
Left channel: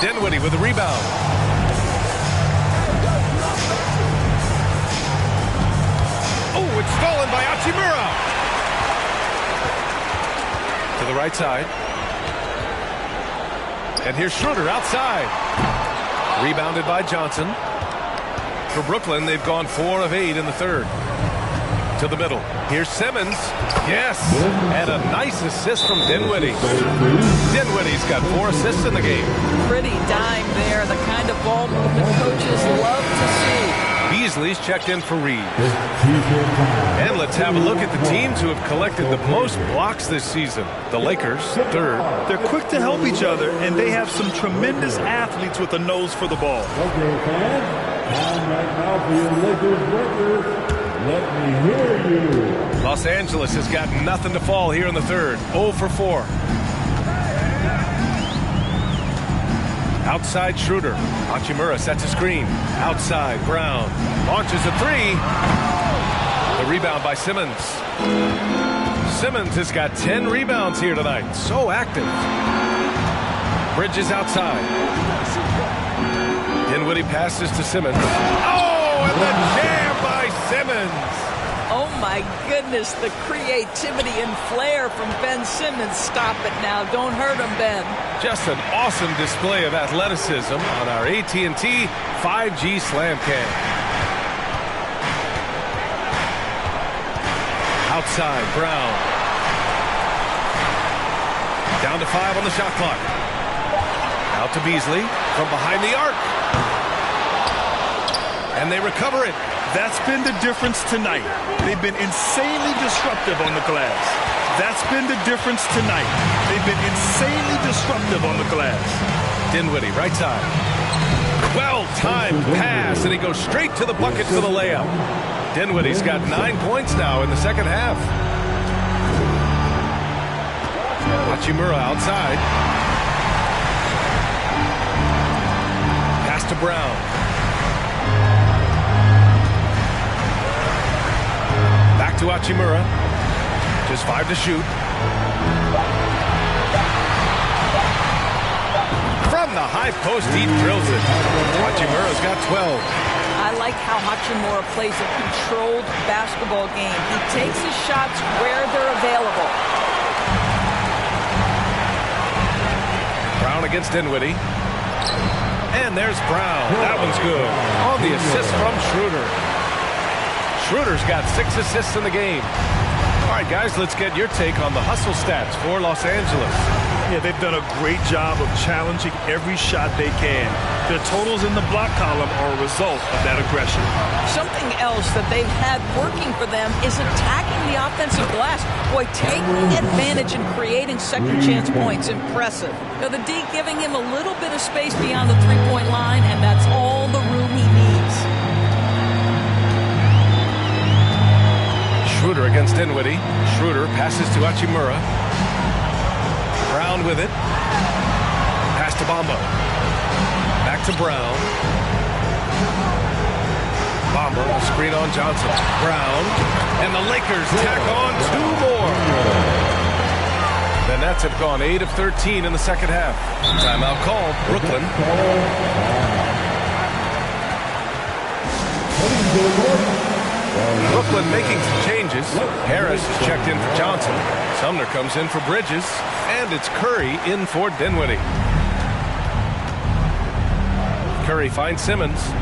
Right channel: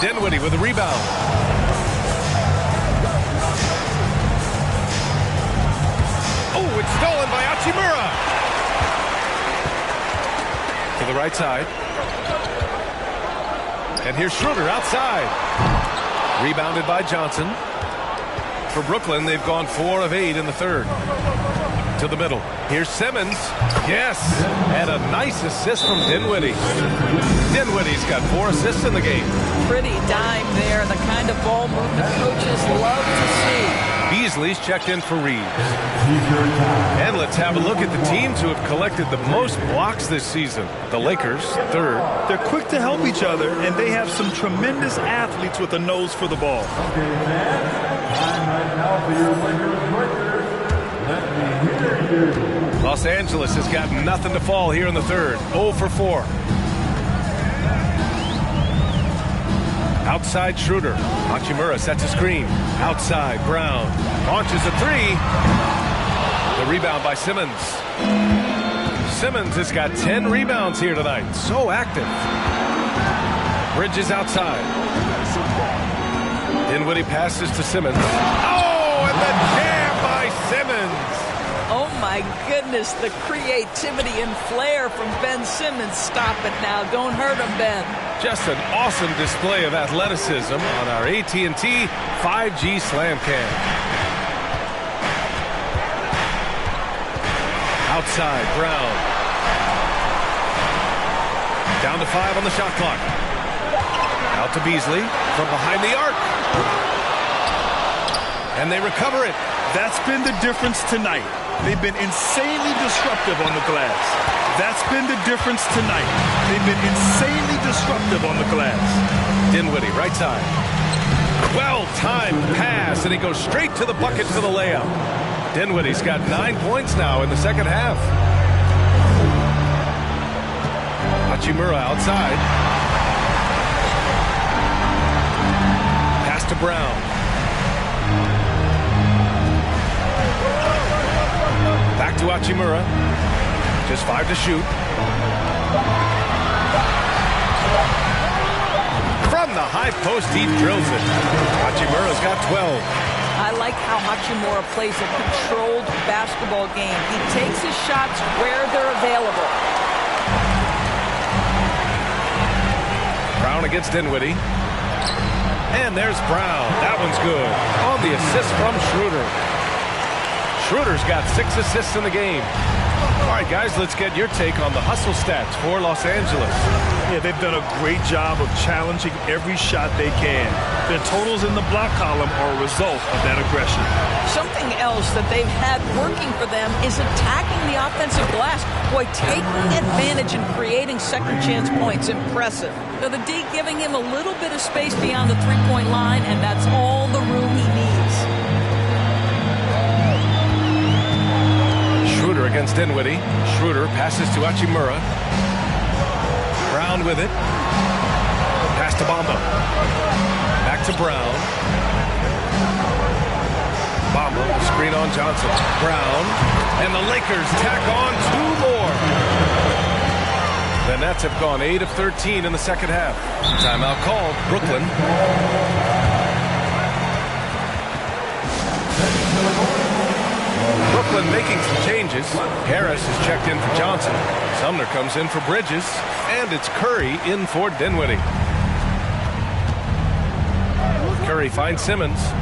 Dinwiddie with a rebound. Oh, it's stolen by Hachimura. To the right side. And here's Schroeder outside. Rebounded by Johnson. For Brooklyn, they've gone 4 of 8 in the third. To the middle. Here's Simmons. Yes. And a nice assist from Dinwiddie. Dinwiddie's got 4 assists in the game. Pretty dime there. The kind of ball movement coaches love to see. Beasley's checked in for Reeves. And let's have a look at the teams who have collected the most blocks this season. The Lakers, third. They're quick to help each other, and they have some tremendous athletes with a nose for the ball. Okay, fans, time right now for your Lakers breakers. Let me hear you. Los Angeles has got nothing to fall here in the third. 0 for 4. Outside Schroeder. Hachimura sets a screen. Outside Brown. Launches a 3. The rebound by Simmons. Simmons has got 10 rebounds here tonight. So active. Bridges outside. Dinwiddie passes to Simmons. Oh, and the jam by Simmons. Oh, my goodness, the creativity and flair from Ben Simmons. Stop it now. Don't hurt him, Ben. Just an awesome display of athleticism on our AT&T 5G Slam Cam. Outside, Brown. Down to 5 on the shot clock. Out to Beasley from behind the arc. And they recover it. That's been the difference tonight. They've been insanely disruptive on the glass. That's been the difference tonight. They've been insanely disruptive on the glass. Dinwiddie, right side. Well-timed pass, and he goes straight to the bucket for the layup. Dinwiddie's got 9 points now in the second half. Hachimura outside. Pass to Brown. Back to Hachimura. Just 5 to shoot. From the high post, he drills it. Hachimura's got 12. I like how Hachimura plays a controlled basketball game. He takes his shots where they're available. Brown against Dinwiddie. And there's Brown. That one's good. On the assist from Schroeder. Schroeder's got 6 assists in the game. All right, guys, let's get your take on the hustle stats for Los Angeles. Yeah, they've done a great job of challenging every shot they can. Their totals in the block column are a result of that aggression. Something else that they've had working for them is attacking the offensive glass. Boy, taking advantage and creating second chance points. Impressive. Now, the D giving him a little bit of space beyond the three-point line, and that's all the room he needs. Schroeder against Dinwiddie. Schroeder passes to Hachimura. Brown with it. Pass to Bamba. Back to Brown. Bamba, the screen on Johnson. Brown. And the Lakers tack on 2 more. The Nets have gone 8 of 13 in the second half. Timeout called. Brooklyn. Brooklyn making some changes. Harris is checked in for Johnson. Sumner comes in for Bridges. And it's Curry in for Dinwiddie. Curry finds Simmons.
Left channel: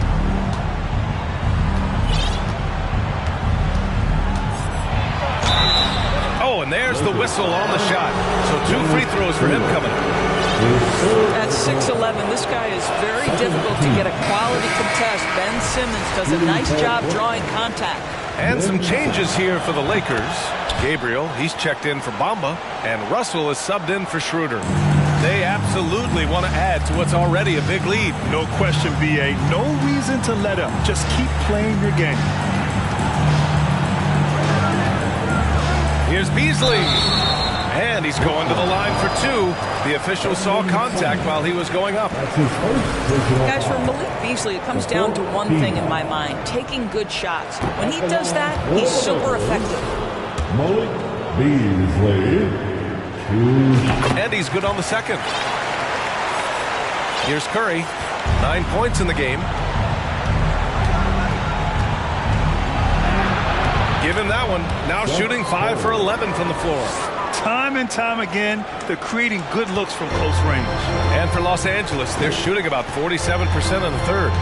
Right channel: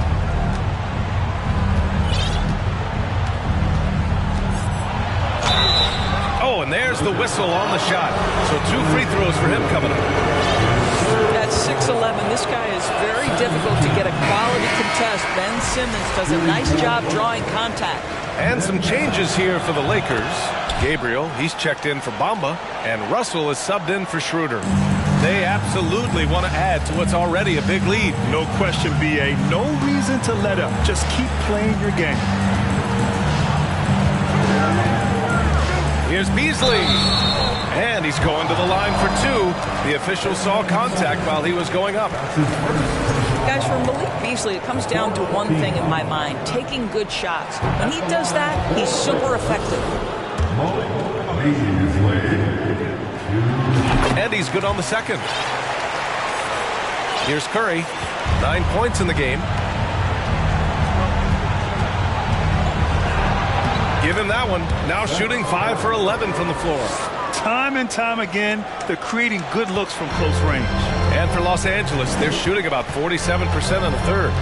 Oh, and there's the whistle on the shot. So 2 free throws for him coming up. At 6'11", this guy is very difficult to get a quality contest. Ben Simmons does a nice job drawing contact. And some changes here for the Lakers. Gabriel, he's checked in for Bamba, and Russell is subbed in for Schroeder. They absolutely want to add to what's already a big lead. No question, B.A. No reason to let up. Just keep playing your game. Here's Beasley. And he's going to the line for 2. The official saw contact while he was going up. Guys, for Malik Beasley, it comes down to one thing in my mind, taking good shots. When he does that, he's super effective. Malik Beasley. And he's good on the second. Here's Curry. 9 points in the game. Give him that one. Now shooting 5 for 11 from the floor. Time and time again, they're creating good looks from close range. And for Los Angeles, they're shooting about 47% in the third.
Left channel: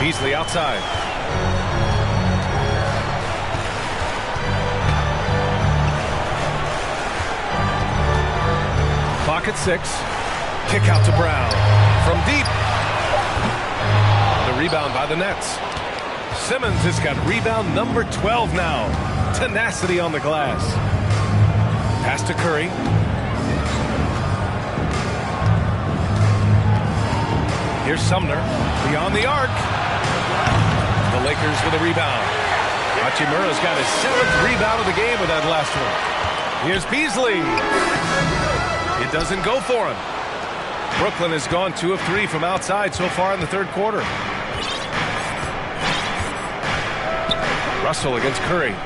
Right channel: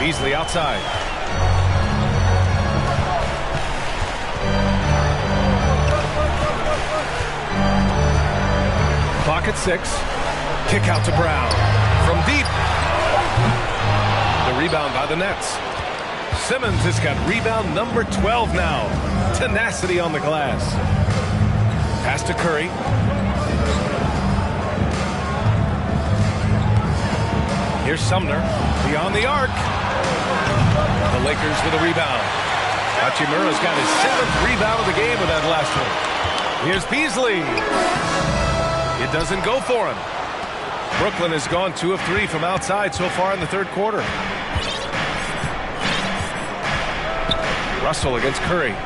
Beasley outside. Clock at 6. Kick out to Brown. From deep. The rebound by the Nets. Simmons has got rebound number 12 now. Tenacity on the glass. Pass to Curry. Here's Sumner. Beyond the arc. The Lakers with a rebound. Hachimura's got his 7th rebound of the game with that last one. Here's Beasley. It doesn't go for him. Brooklyn has gone 2 of 3 from outside so far in the third quarter. Russell against Curry.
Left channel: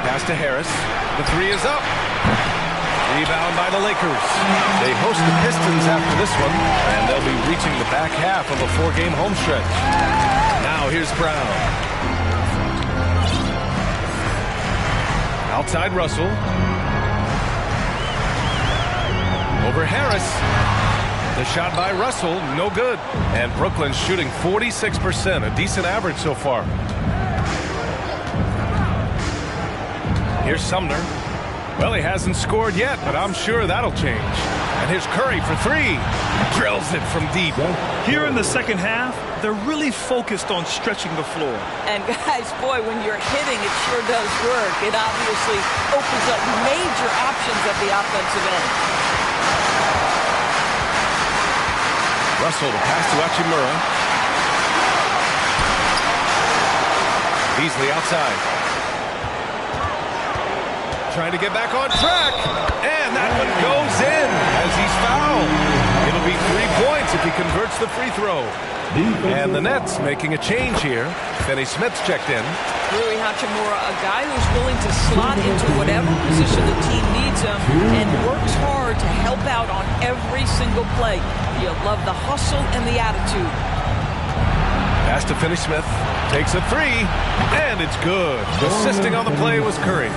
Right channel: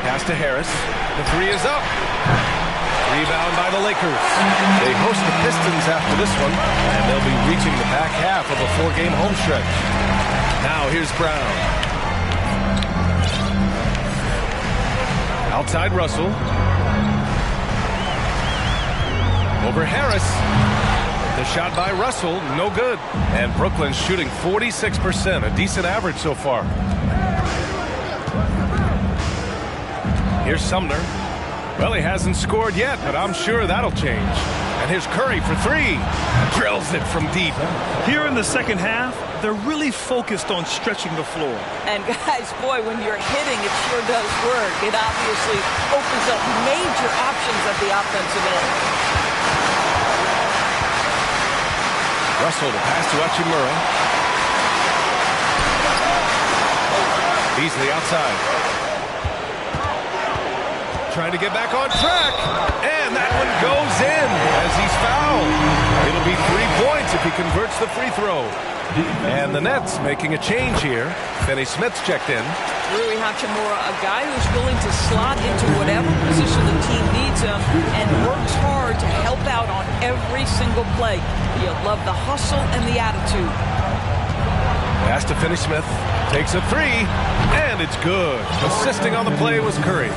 Pass to Harris. The 3 is up. Rebound by the Lakers. They host the Pistons after this one, and they'll be reaching the back half of a 4-game home stretch. Now here's Brown. Outside Russell. Over Harris. The shot by Russell, no good. And Brooklyn's shooting 46%, a decent average so far. Here's Sumner. Well, he hasn't scored yet, but I'm sure that'll change. And here's Curry for 3. Drills it from deep. Here in the second half, they're really focused on stretching the floor. And guys, boy, when you're hitting, it sure does work. It obviously opens up major options at the offensive end. Russell to pass to Hachimura. Beasley outside. Trying to get back on track. And that one goes in as he's fouled. It'll be 3 points if he converts the free throw. And the Nets making a change here. Finney Smith's checked in. Rui Hachimura, a guy who's willing to slot into whatever position the team needs him and works hard to help out on every single play. You love the hustle and the attitude. Pass to Finney Smith. Takes a 3. And it's good. Assisting on the play was Curry.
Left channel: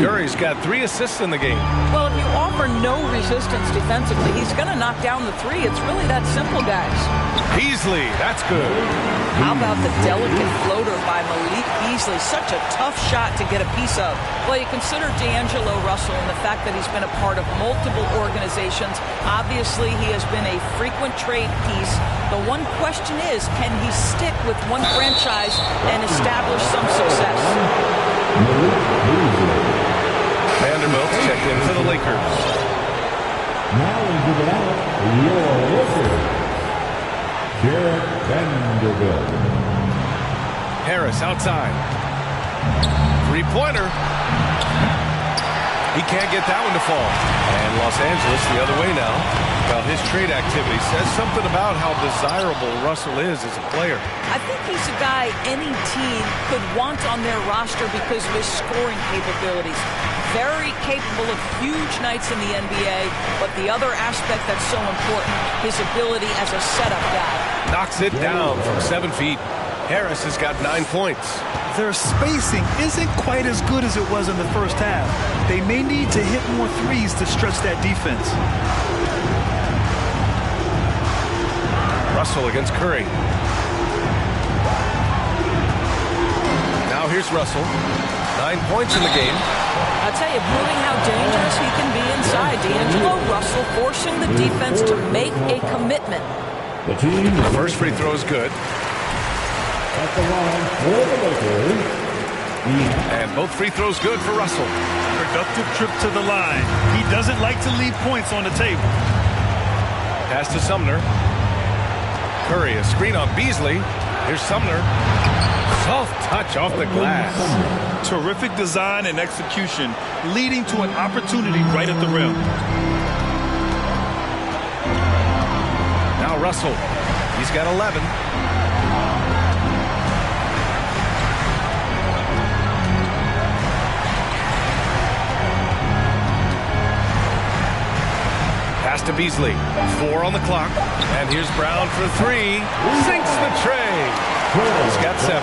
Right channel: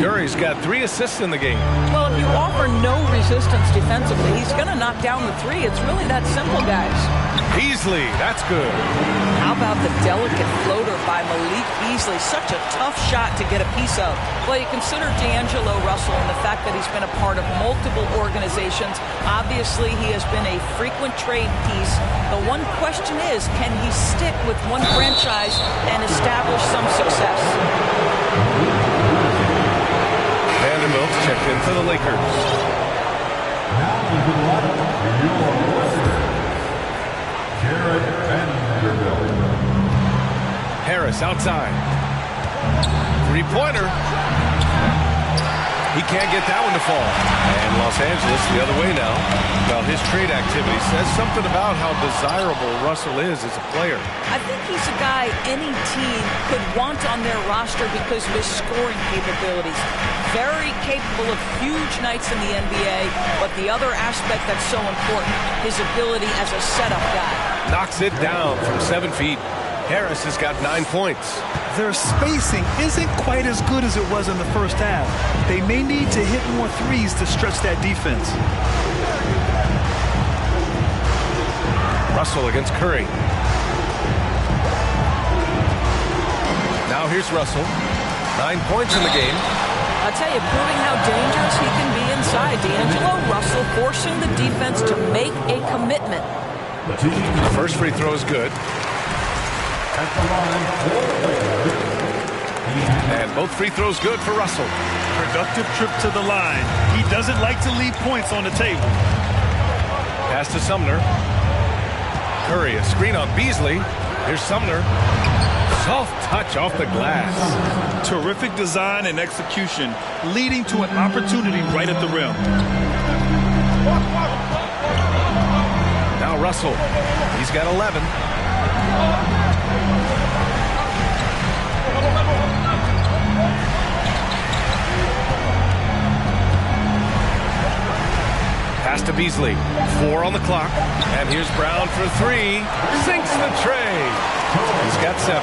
Curry's got 3 assists in the game. Well, if you offer no resistance defensively, he's going to knock down the 3. It's really that simple, guys. Beasley, that's good. How about the delicate floater by Malik Beasley? Such a tough shot to get a piece of. Well, you consider D'Angelo Russell and the fact that he's been a part of multiple organizations. Obviously, he has been a frequent trade piece. The one question is, can he stick with one franchise and establish some success? Vanderbilt's checked in for the Lakers. Now into the lineup, your Lakers, Jared Vanderbilt. Harris outside. Three-pointer. He can't get that one to fall. And Los Angeles the other way now. Well, his trade activity says something about how desirable Russell is as a player. I think he's a guy any team could want on their roster because of his scoring capabilities. Very capable of huge nights in the NBA, but the other aspect that's so important, his ability as a setup guy. Knocks it down from 7 feet. Harris has got 9 points. Their spacing isn't quite as good as it was in the first half. They may need to hit more threes to stretch that defense. Russell against Curry. Now here's Russell. 9 points in the game. I'll tell you, proving how dangerous he can be inside. D'Angelo Russell forcing the defense to make a commitment. The first free throw is good. At the line for the Lakers, And both free throws good for Russell. Productive trip to the line. He doesn't like to leave points on the table. Pass to Sumner. Curry, a screen on Beasley. Here's Sumner. Soft touch off the glass. Terrific design and execution, leading to an opportunity right at the rim. Now Russell. He's got 11. Pass to Beasley. 4 on the clock. And here's Brown for 3. Sinks the tray. He's got 7.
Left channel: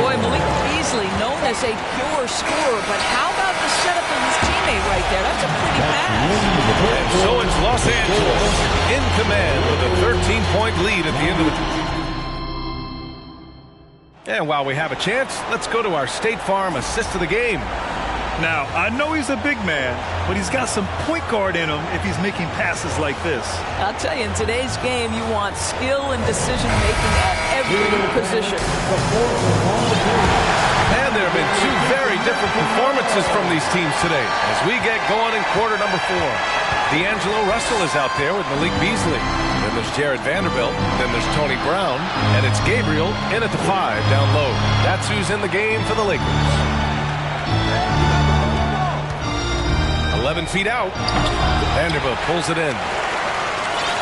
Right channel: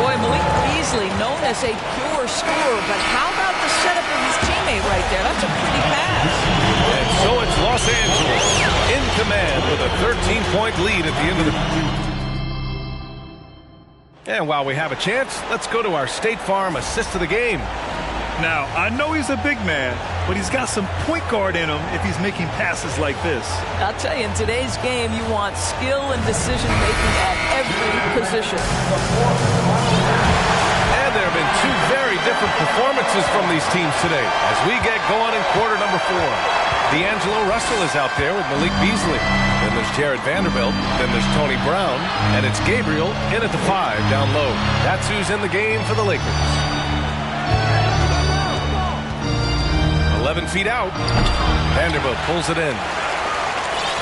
Boy, Malik Beasley, known as a pure scorer, but how about the setup of his teammate right there? That's a pretty pass. And so it's Los Angeles in command with a 13-point lead at the end of the... And while we have a chance, let's go to our State Farm assist of the game. Now, I know he's a big man, but he's got some point guard in him if he's making passes like this. I'll tell you, in today's game, you want skill and decision-making at every position. And there have been 2 very different performances from these teams today as we get going in quarter number 4. D'Angelo Russell is out there with Malik Beasley. Then there's Jared Vanderbilt. Then there's Tony Brown. And it's Gabriel in at the 5 down low. That's who's in the game for the Lakers. 11 feet out. Vanderbilt pulls it in.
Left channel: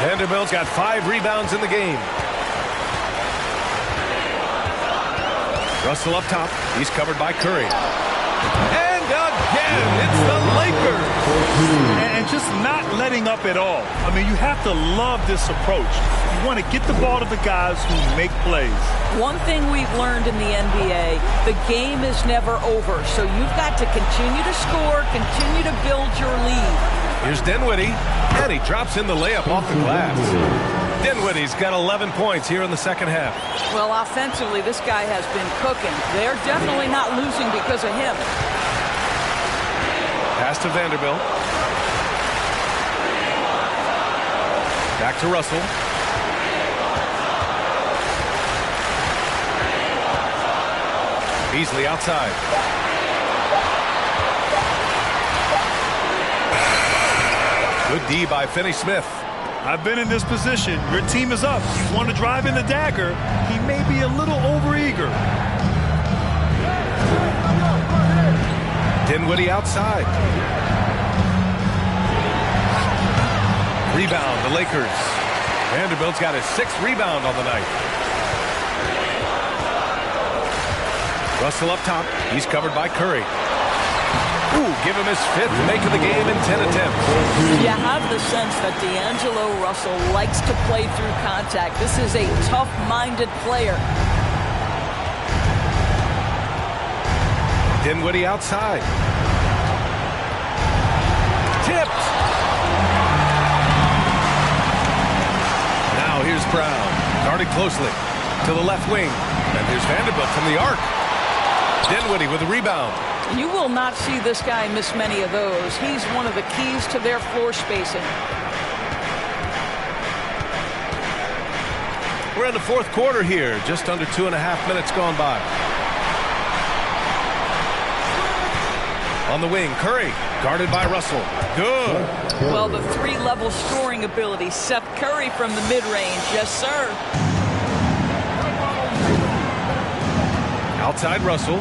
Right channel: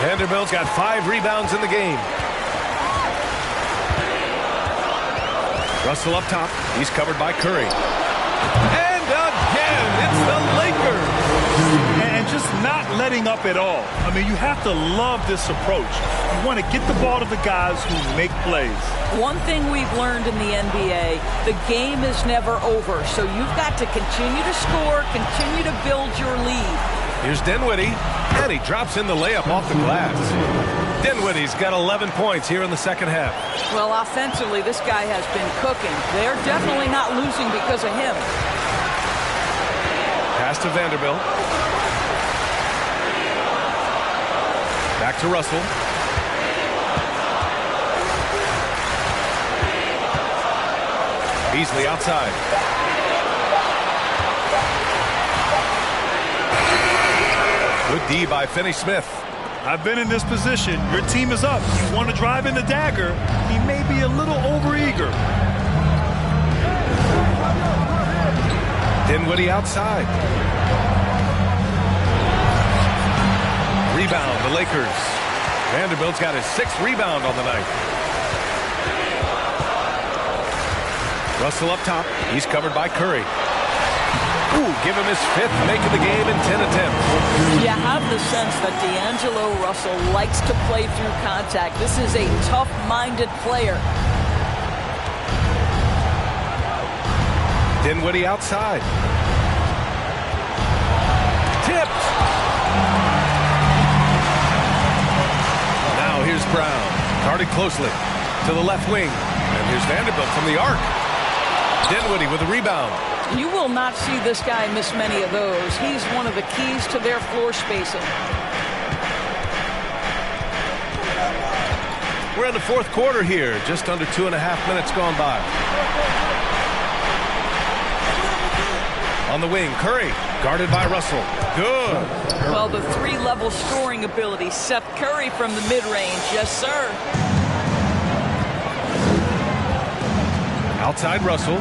Vanderbilt's got 5 rebounds in the game. Russell up top. He's covered by Curry. And again, it's the Lakers. And just not letting up at all. I mean, you have to love this approach. You want to get the ball to the guys who make plays. One thing we've learned in the NBA, the game is never over. So you've got to continue to score, continue to build your lead. Here's Dinwiddie, and he drops in the layup off the glass. Dinwiddie's got 11 points here in the second half. Well, offensively, this guy has been cooking. They're definitely not losing because of him. Pass to Vanderbilt. Back to Russell. Beasley outside. Good D by Finney-Smith. I've been in this position. Your team is up. You want to drive in the dagger. He may be a little overeager. Dinwiddie outside. Rebound, the Lakers. Vanderbilt's got his 6th rebound on the night. Russell up top. He's covered by Curry. Ooh, give him his 5th make of the game in 10 attempts. You have the sense that D'Angelo Russell likes to play through contact. This is a tough-minded player. Dinwiddie outside. Tipped. Now here's Brown. Guarded closely to the left wing. And here's Vanderbilt from the arc. Dinwiddie with a rebound. You will not see this guy miss many of those. He's one of the keys to their floor spacing. We're in the 4th quarter here. Just under 2.5 minutes gone by. On the wing, Curry, guarded by Russell. Good. Well, the 3-level scoring ability. Seth Curry from the mid-range. Yes, sir. Outside Russell.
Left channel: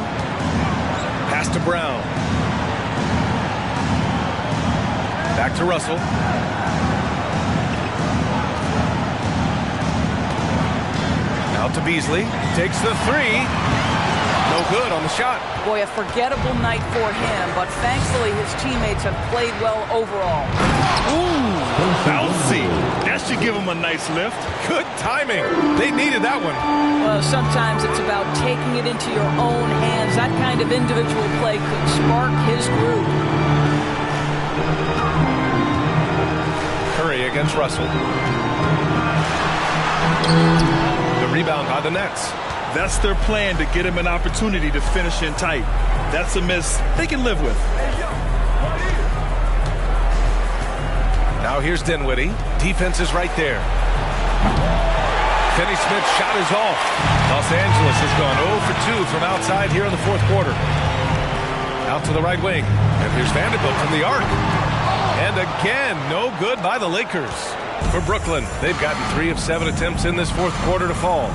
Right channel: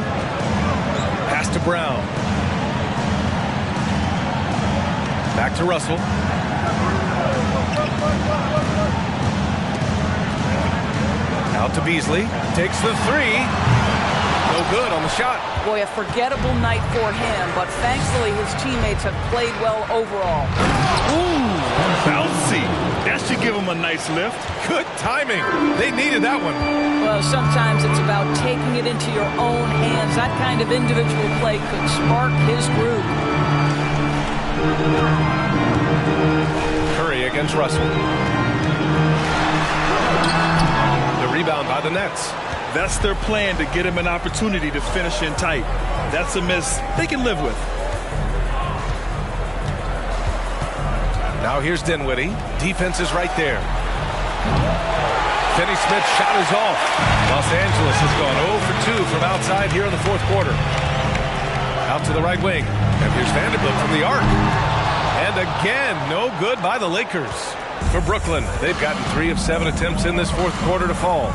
Pass to Brown. Back to Russell. Out to Beasley. Takes the three. No good on the shot. Boy, a forgettable night for him, but thankfully his teammates have played well overall. Ooh, bouncy. That should give him a nice lift. Good timing. They needed that one. Well, sometimes it's about taking it into your own hands. That kind of individual play could spark his group. Curry against Russell. The rebound by the Nets. That's their plan, to get him an opportunity to finish in tight. That's a miss they can live with. Now here's Dinwiddie. Defense is right there. Finney-Smith's shot is off. Los Angeles has gone 0 for 2 from outside here in the fourth quarter. Out to the right wing. And here's Vanderbilt from the arc. And again, no good by the Lakers. For Brooklyn, they've gotten 3 of 7 attempts in this fourth quarter to fall.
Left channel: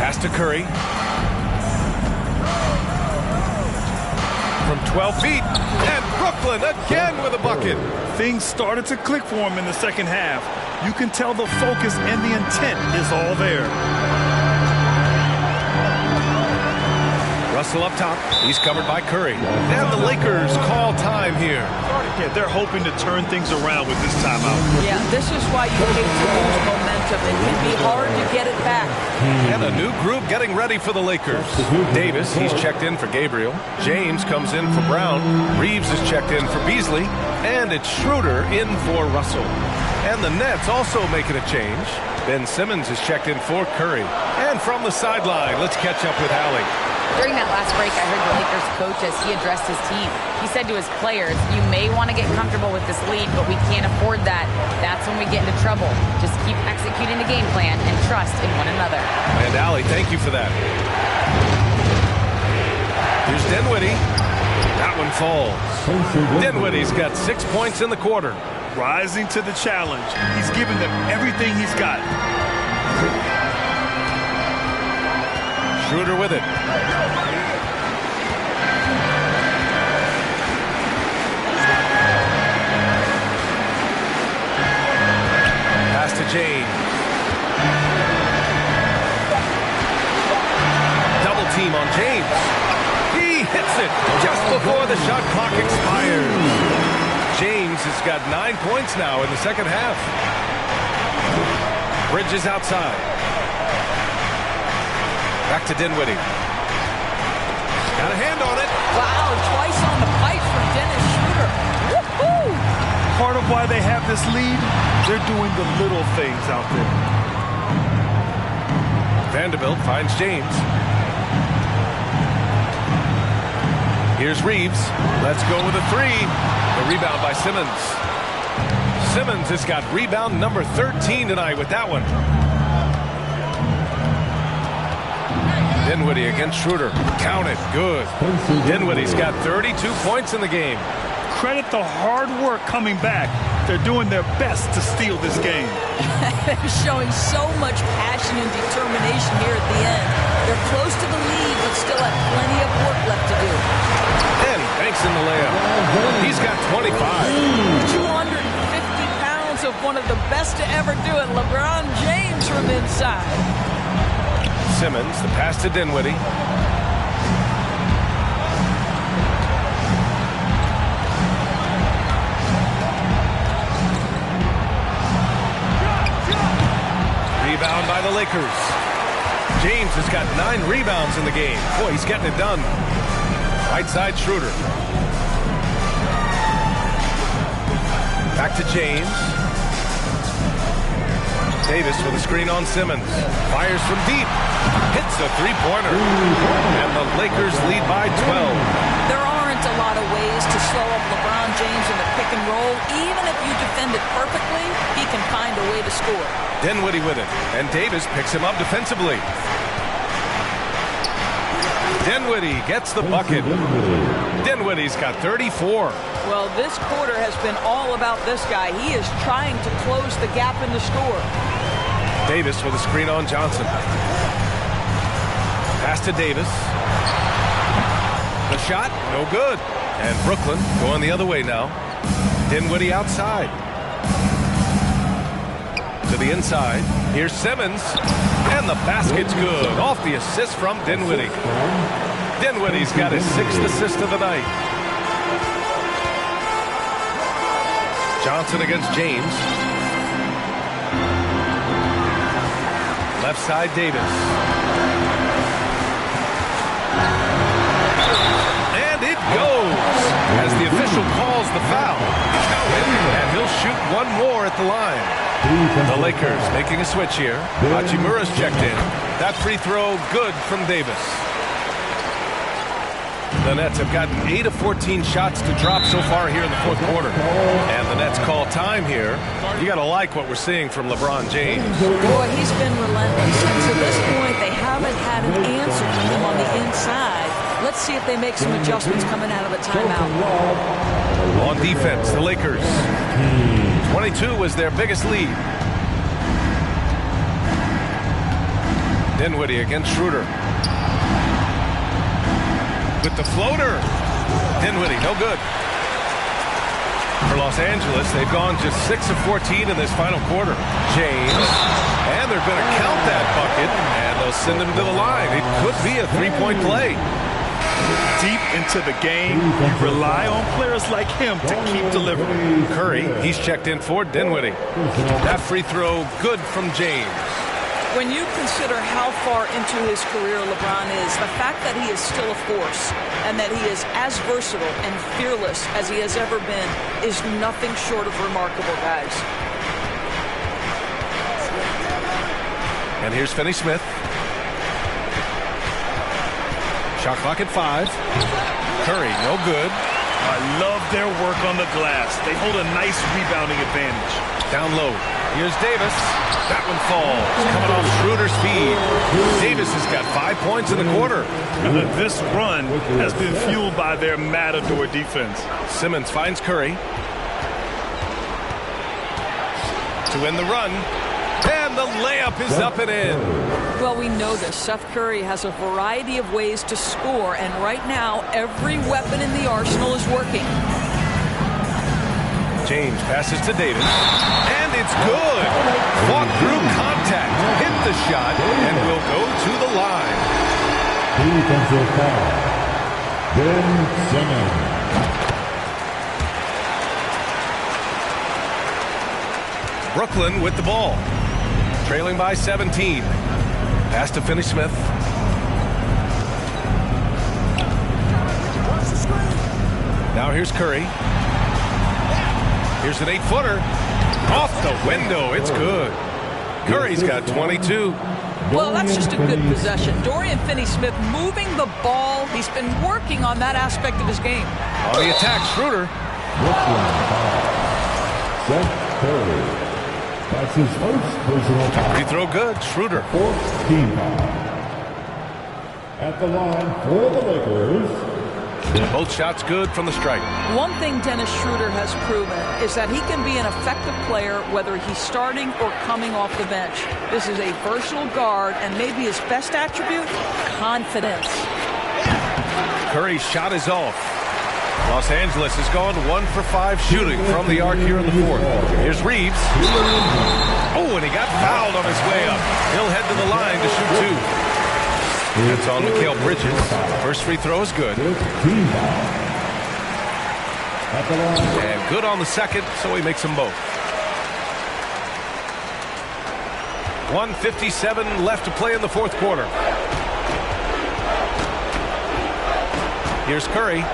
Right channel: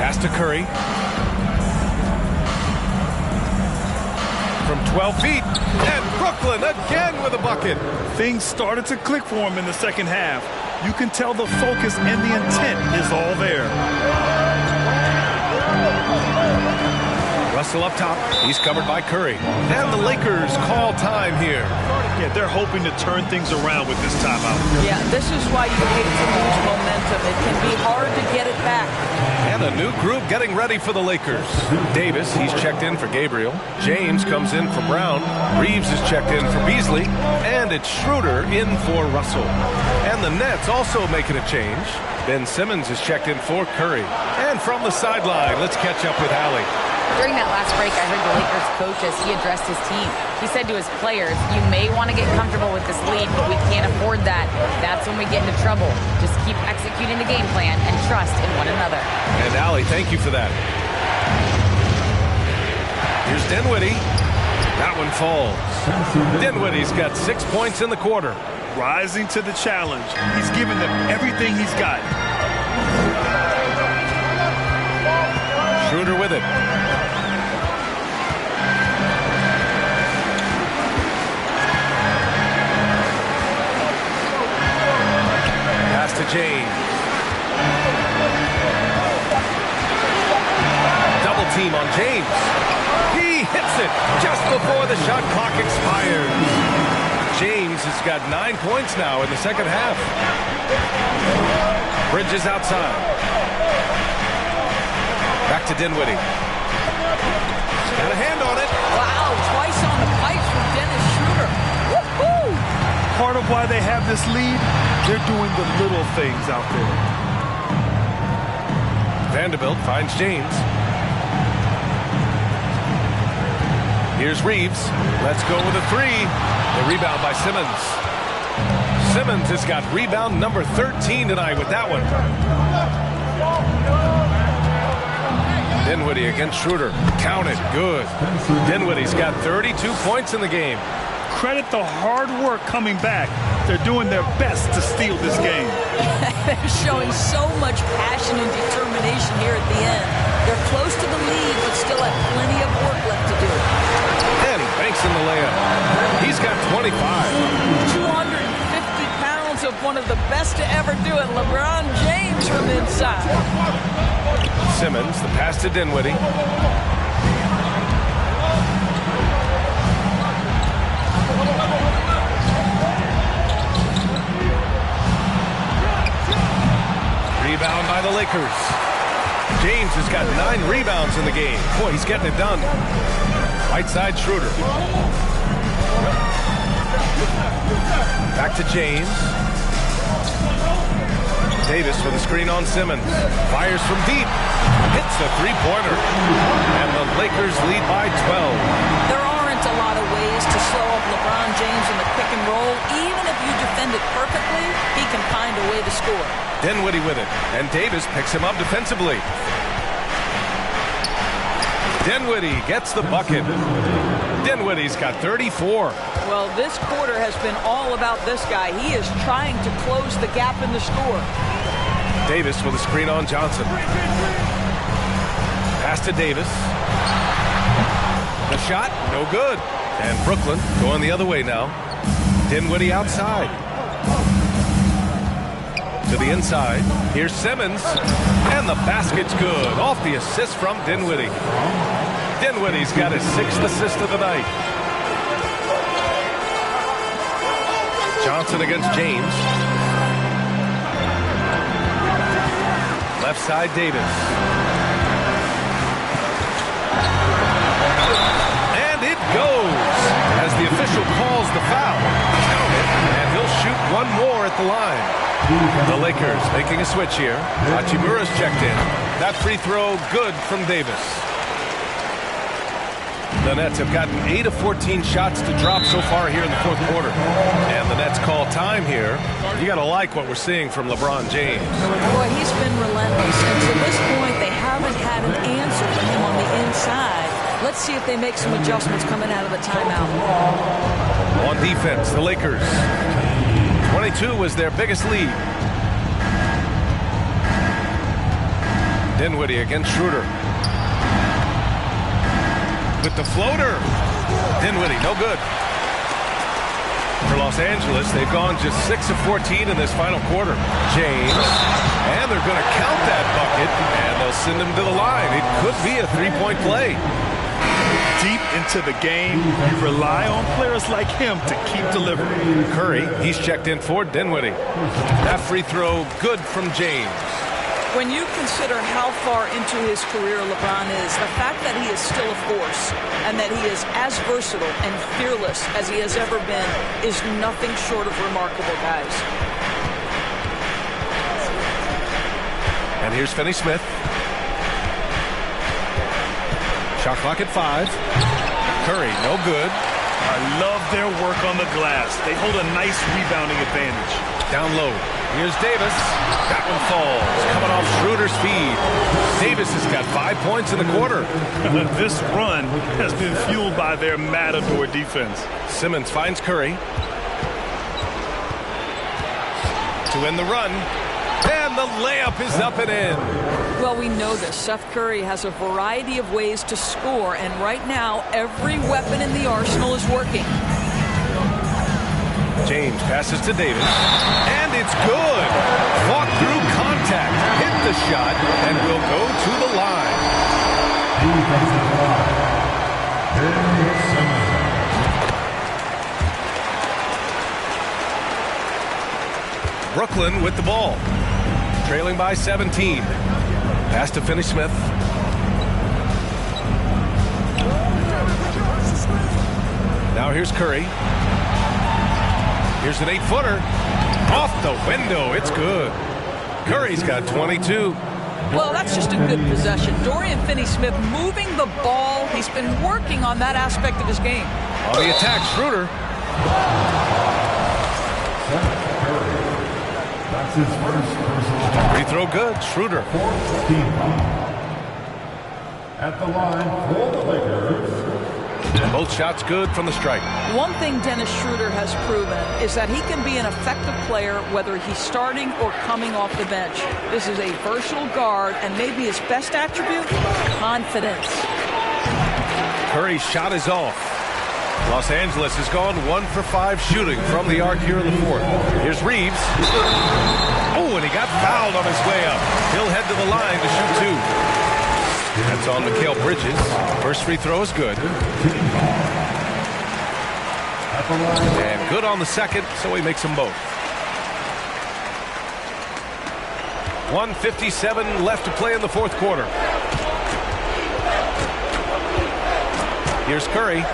Pass to Curry. From 12 feet. And Brooklyn again with a bucket. Things started to click for him in the second half. You can tell the focus and the intent is all there. Russell up top. He's covered by Curry. And the Lakers call time here. Yeah, they're hoping to turn things around with this timeout. Yeah, this is why you hate to lose momentum. It can be hard to get it back. And a new group getting ready for the Lakers. Davis, he's checked in for Gabriel. James comes in for Brown. Reeves is checked in for Beasley. And it's Schroeder in for Russell. And the Nets also making a change. Ben Simmons is checked in for Curry. And from the sideline, let's catch up with Allie. During that last break, I heard the Lakers coach as he addressed his team. He said to his players, you may want to get comfortable with this lead, but we can't afford that. That's when we get into trouble. Just keep executing the game plan and trust in one another. And Allie, thank you for that. Here's Dinwiddie. That one falls. Dinwiddie's got 6 points in the quarter. Rising to the challenge. He's given them everything he's got. Schroeder with it. Pass to James. Double team on James. He hits it just before the shot clock expires. James has got 9 points now in the second half. Bridges outside. Back to Dinwiddie. Got a hand on it. Wow, twice on the pipes from Dennis Schroeder. Woohoo! Part of why they have this lead, they're doing the little things out there. Vanderbilt finds James. Here's Reeves. Let's go with a three. The rebound by Simmons. Simmons has got rebound number 13 tonight with that one. Dinwiddie against Schroeder. Counted. Good. Dinwiddie's got 32 points in the game. Credit the hard work coming back. They're doing their best to steal this game. They're showing so much passion and determination here at the end. They're close to the lead, but still have plenty of work left to do. And he banks in the layup. He's got 25. 250 pounds of one of the best to ever do it, LeBron James from inside. Simmons, the pass to Dinwiddie. Rebound by the Lakers. James has got 9 rebounds in the game. Boy, he's getting it done. Right side, Schroeder. Back to James. Davis with a screen on Simmons. Fires from deep. Hits a three-pointer. And the Lakers lead by 12. There aren't a lot of ways to slow up LeBron James in the pick and roll. Even if you defend it perfectly, he can find a way to score. Dinwiddie with it. And Davis picks him up defensively. Dinwiddie gets the bucket. Dinwiddie's got 34. Well, this quarter has been all about this guy. He is trying to close the gap in the score. Davis with a screen on Johnson. Pass to Davis. The shot, no good. And Brooklyn going the other way now. Dinwiddie outside. To the inside. Here's Simmons. And the basket's good. Off the assist from Dinwiddie. Dinwiddie's got his 6th assist of the night. Johnson against James. Left side, Davis. And it goes as the official calls the foul. Count it, and he'll shoot one more at the line. The Lakers making a switch here. Hachimura's checked in. That free throw good from Davis. The Nets have gotten 8 of 14 shots to drop so far here in the fourth quarter. And the Nets call time here. You got to like what we're seeing from LeBron James. Boy, he's been relentless. And to this point, they haven't had an answer for him on the inside. Let's see if they make some adjustments coming out of the timeout. On defense, the Lakers. 22 was their biggest lead. Dinwiddie against Schroeder. With the floater. Dinwiddie, no good. For Los Angeles, they've gone just 6 of 14 in this final quarter. James. And they're going to count that bucket, and they'll send him to the line. It could be a three-point play. Deep into the game, you rely on players like him to keep delivering. Curry, he's checked in for Dinwiddie. That free throw, good from James. When you consider how far into his career LeBron is, the fact that he is still a force and that he is as versatile and fearless as he has ever been is nothing short of remarkable, guys. And here's Finney-Smith. Shot clock at 5. Curry, no good. I love their work on the glass. They hold a nice rebounding advantage. Down low. Here's Davis. That one falls. Coming off Schroeder's feed. Davis has got 5 points in the quarter. This run has been fueled by their matador defense. Simmons finds Curry. To end the run. And the layup is up and in. Well, we know this. Seth Curry has a variety of ways to score, and right now, every weapon in the arsenal is working. James passes to Davis, and it's good. Fought through contact, hit the shot, and will go to the line. Defensive foul. Ben Simmons. Brooklyn with the ball, trailing by 17. Pass to Finney-Smith. Now here's Curry. Here's an 8-footer. Off the window. It's good. Curry's got 22. Well, that's just a good possession. Dorian Finney-Smith moving the ball. He's been working on that aspect of his game. On the attack, Schroeder. Seth Curry. That's his first personal foul. Free throw good. Schroeder. 14 foul. At the line for the Lakers. Both shots good from the stripe. One thing Dennis Schroeder has proven is that he can be an effective player whether he's starting or coming off the bench. This is a versatile guard, and maybe his best attribute, confidence. Curry's shot is off. Los Angeles has gone 1 for 5 shooting from the arc here in the fourth. Here's Reeves. Oh, and he got fouled on his way up. He'll head to the line to shoot 2. That's on Mikal Bridges. First free throw is good. And good on the second, so he makes them both. 1:57 left to play in the fourth quarter. Here's Curry.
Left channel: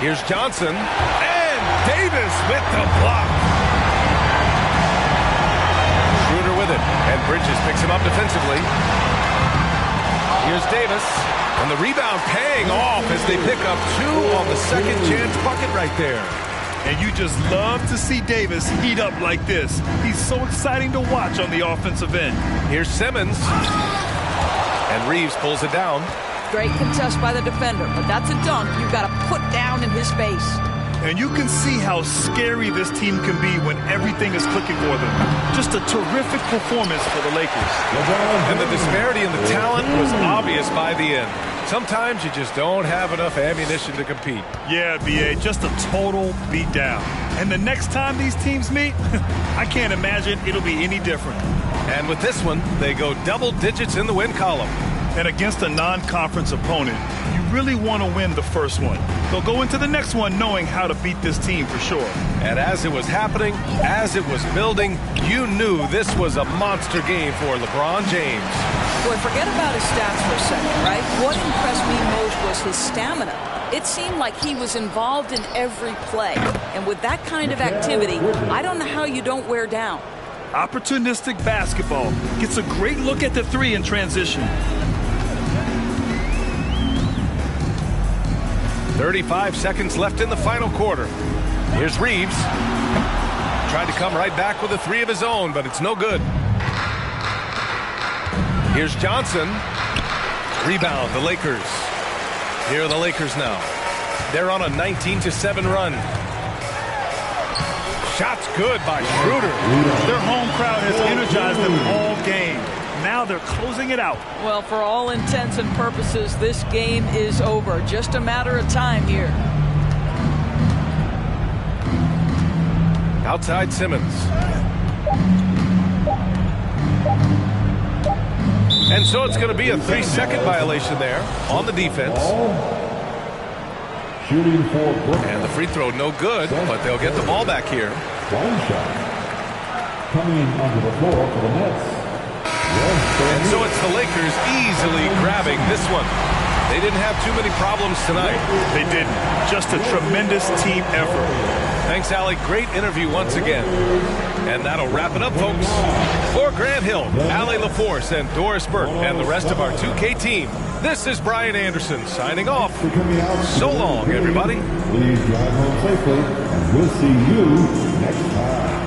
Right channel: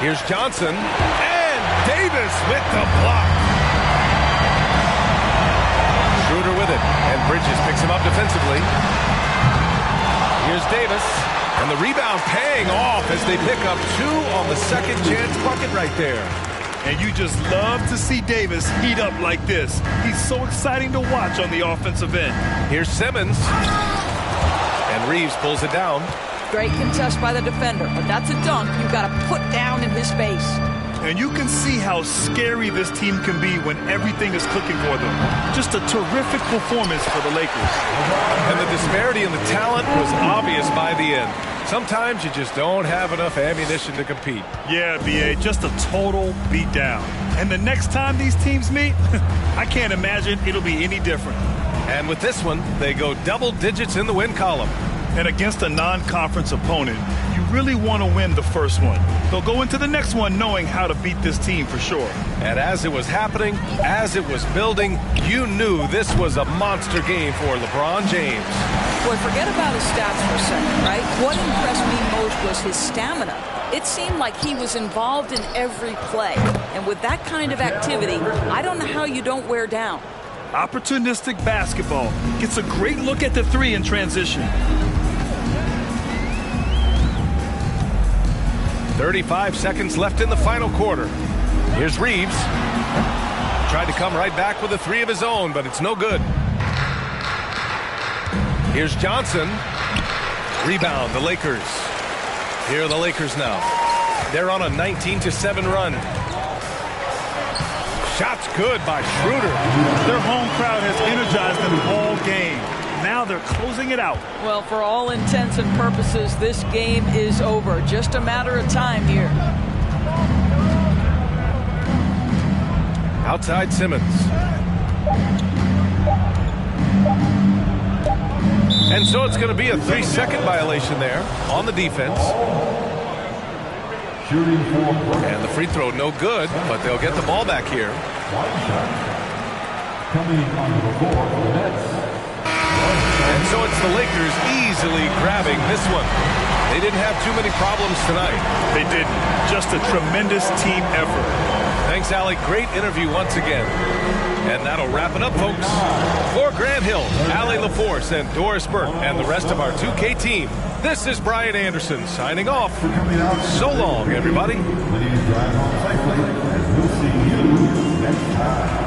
Here's Johnson. And Davis with the block. Schroeder with it. And Bridges picks him up defensively. Here's Davis. And the rebound paying off as they pick up 2 on the second chance bucket right there. And you just love to see Davis heat up like this. He's so exciting to watch on the offensive end. Here's Simmons. And Reeves pulls it down. Great contest by the defender, but that's a dunk you've got to put down in his face. And you can see how scary this team can be when everything is clicking for them. Just a terrific performance for the Lakers. And the disparity in the talent was obvious by the end. Sometimes you just don't have enough ammunition to compete. Yeah, B.A., just a total beatdown. And the next time these teams meet, I can't imagine it'll be any different. And with this one, they go double digits in the win column. And against a non-conference opponent, you really want to win the first one. They'll go into the next one knowing how to beat this team for sure. And as it was happening, as it was building, you knew this was a monster game for LeBron James. Boy, forget about his stats for a second, right? What impressed me most was his stamina. It seemed like he was involved in every play. And with that kind of activity, I don't know how you don't wear down. Opportunistic basketball. Gets a great look at the three in transition. 35 seconds left in the final quarter. Here's Reeves. Tried to come right back with a three of his own, but it's no good. Here's Johnson. Rebound, the Lakers. Here are the Lakers now. They're on a 19-7 run. Shot's good by Schroeder. Their home crowd has energized them all game. Now they're closing it out. Well, for all intents and purposes, this game is over. Just a matter of time here. Outside Simmons. And so it's going to be a 3-second violation there on the defense. Shooting for And the free throw no good, but they'll get the ball back here. one shot. Coming onto the floor for the Nets. And so it's the Lakers easily grabbing this one. They didn't have too many problems tonight. They didn't. Just a tremendous team effort. Thanks, Allie. Great interview once again. And that'll wrap it up, folks. For Grant Hill, Allie LaForce, and Doris Burke, and the rest of our 2K team, this is Brian Anderson signing off. So long, everybody. Please drive home safely, and we'll see you next time.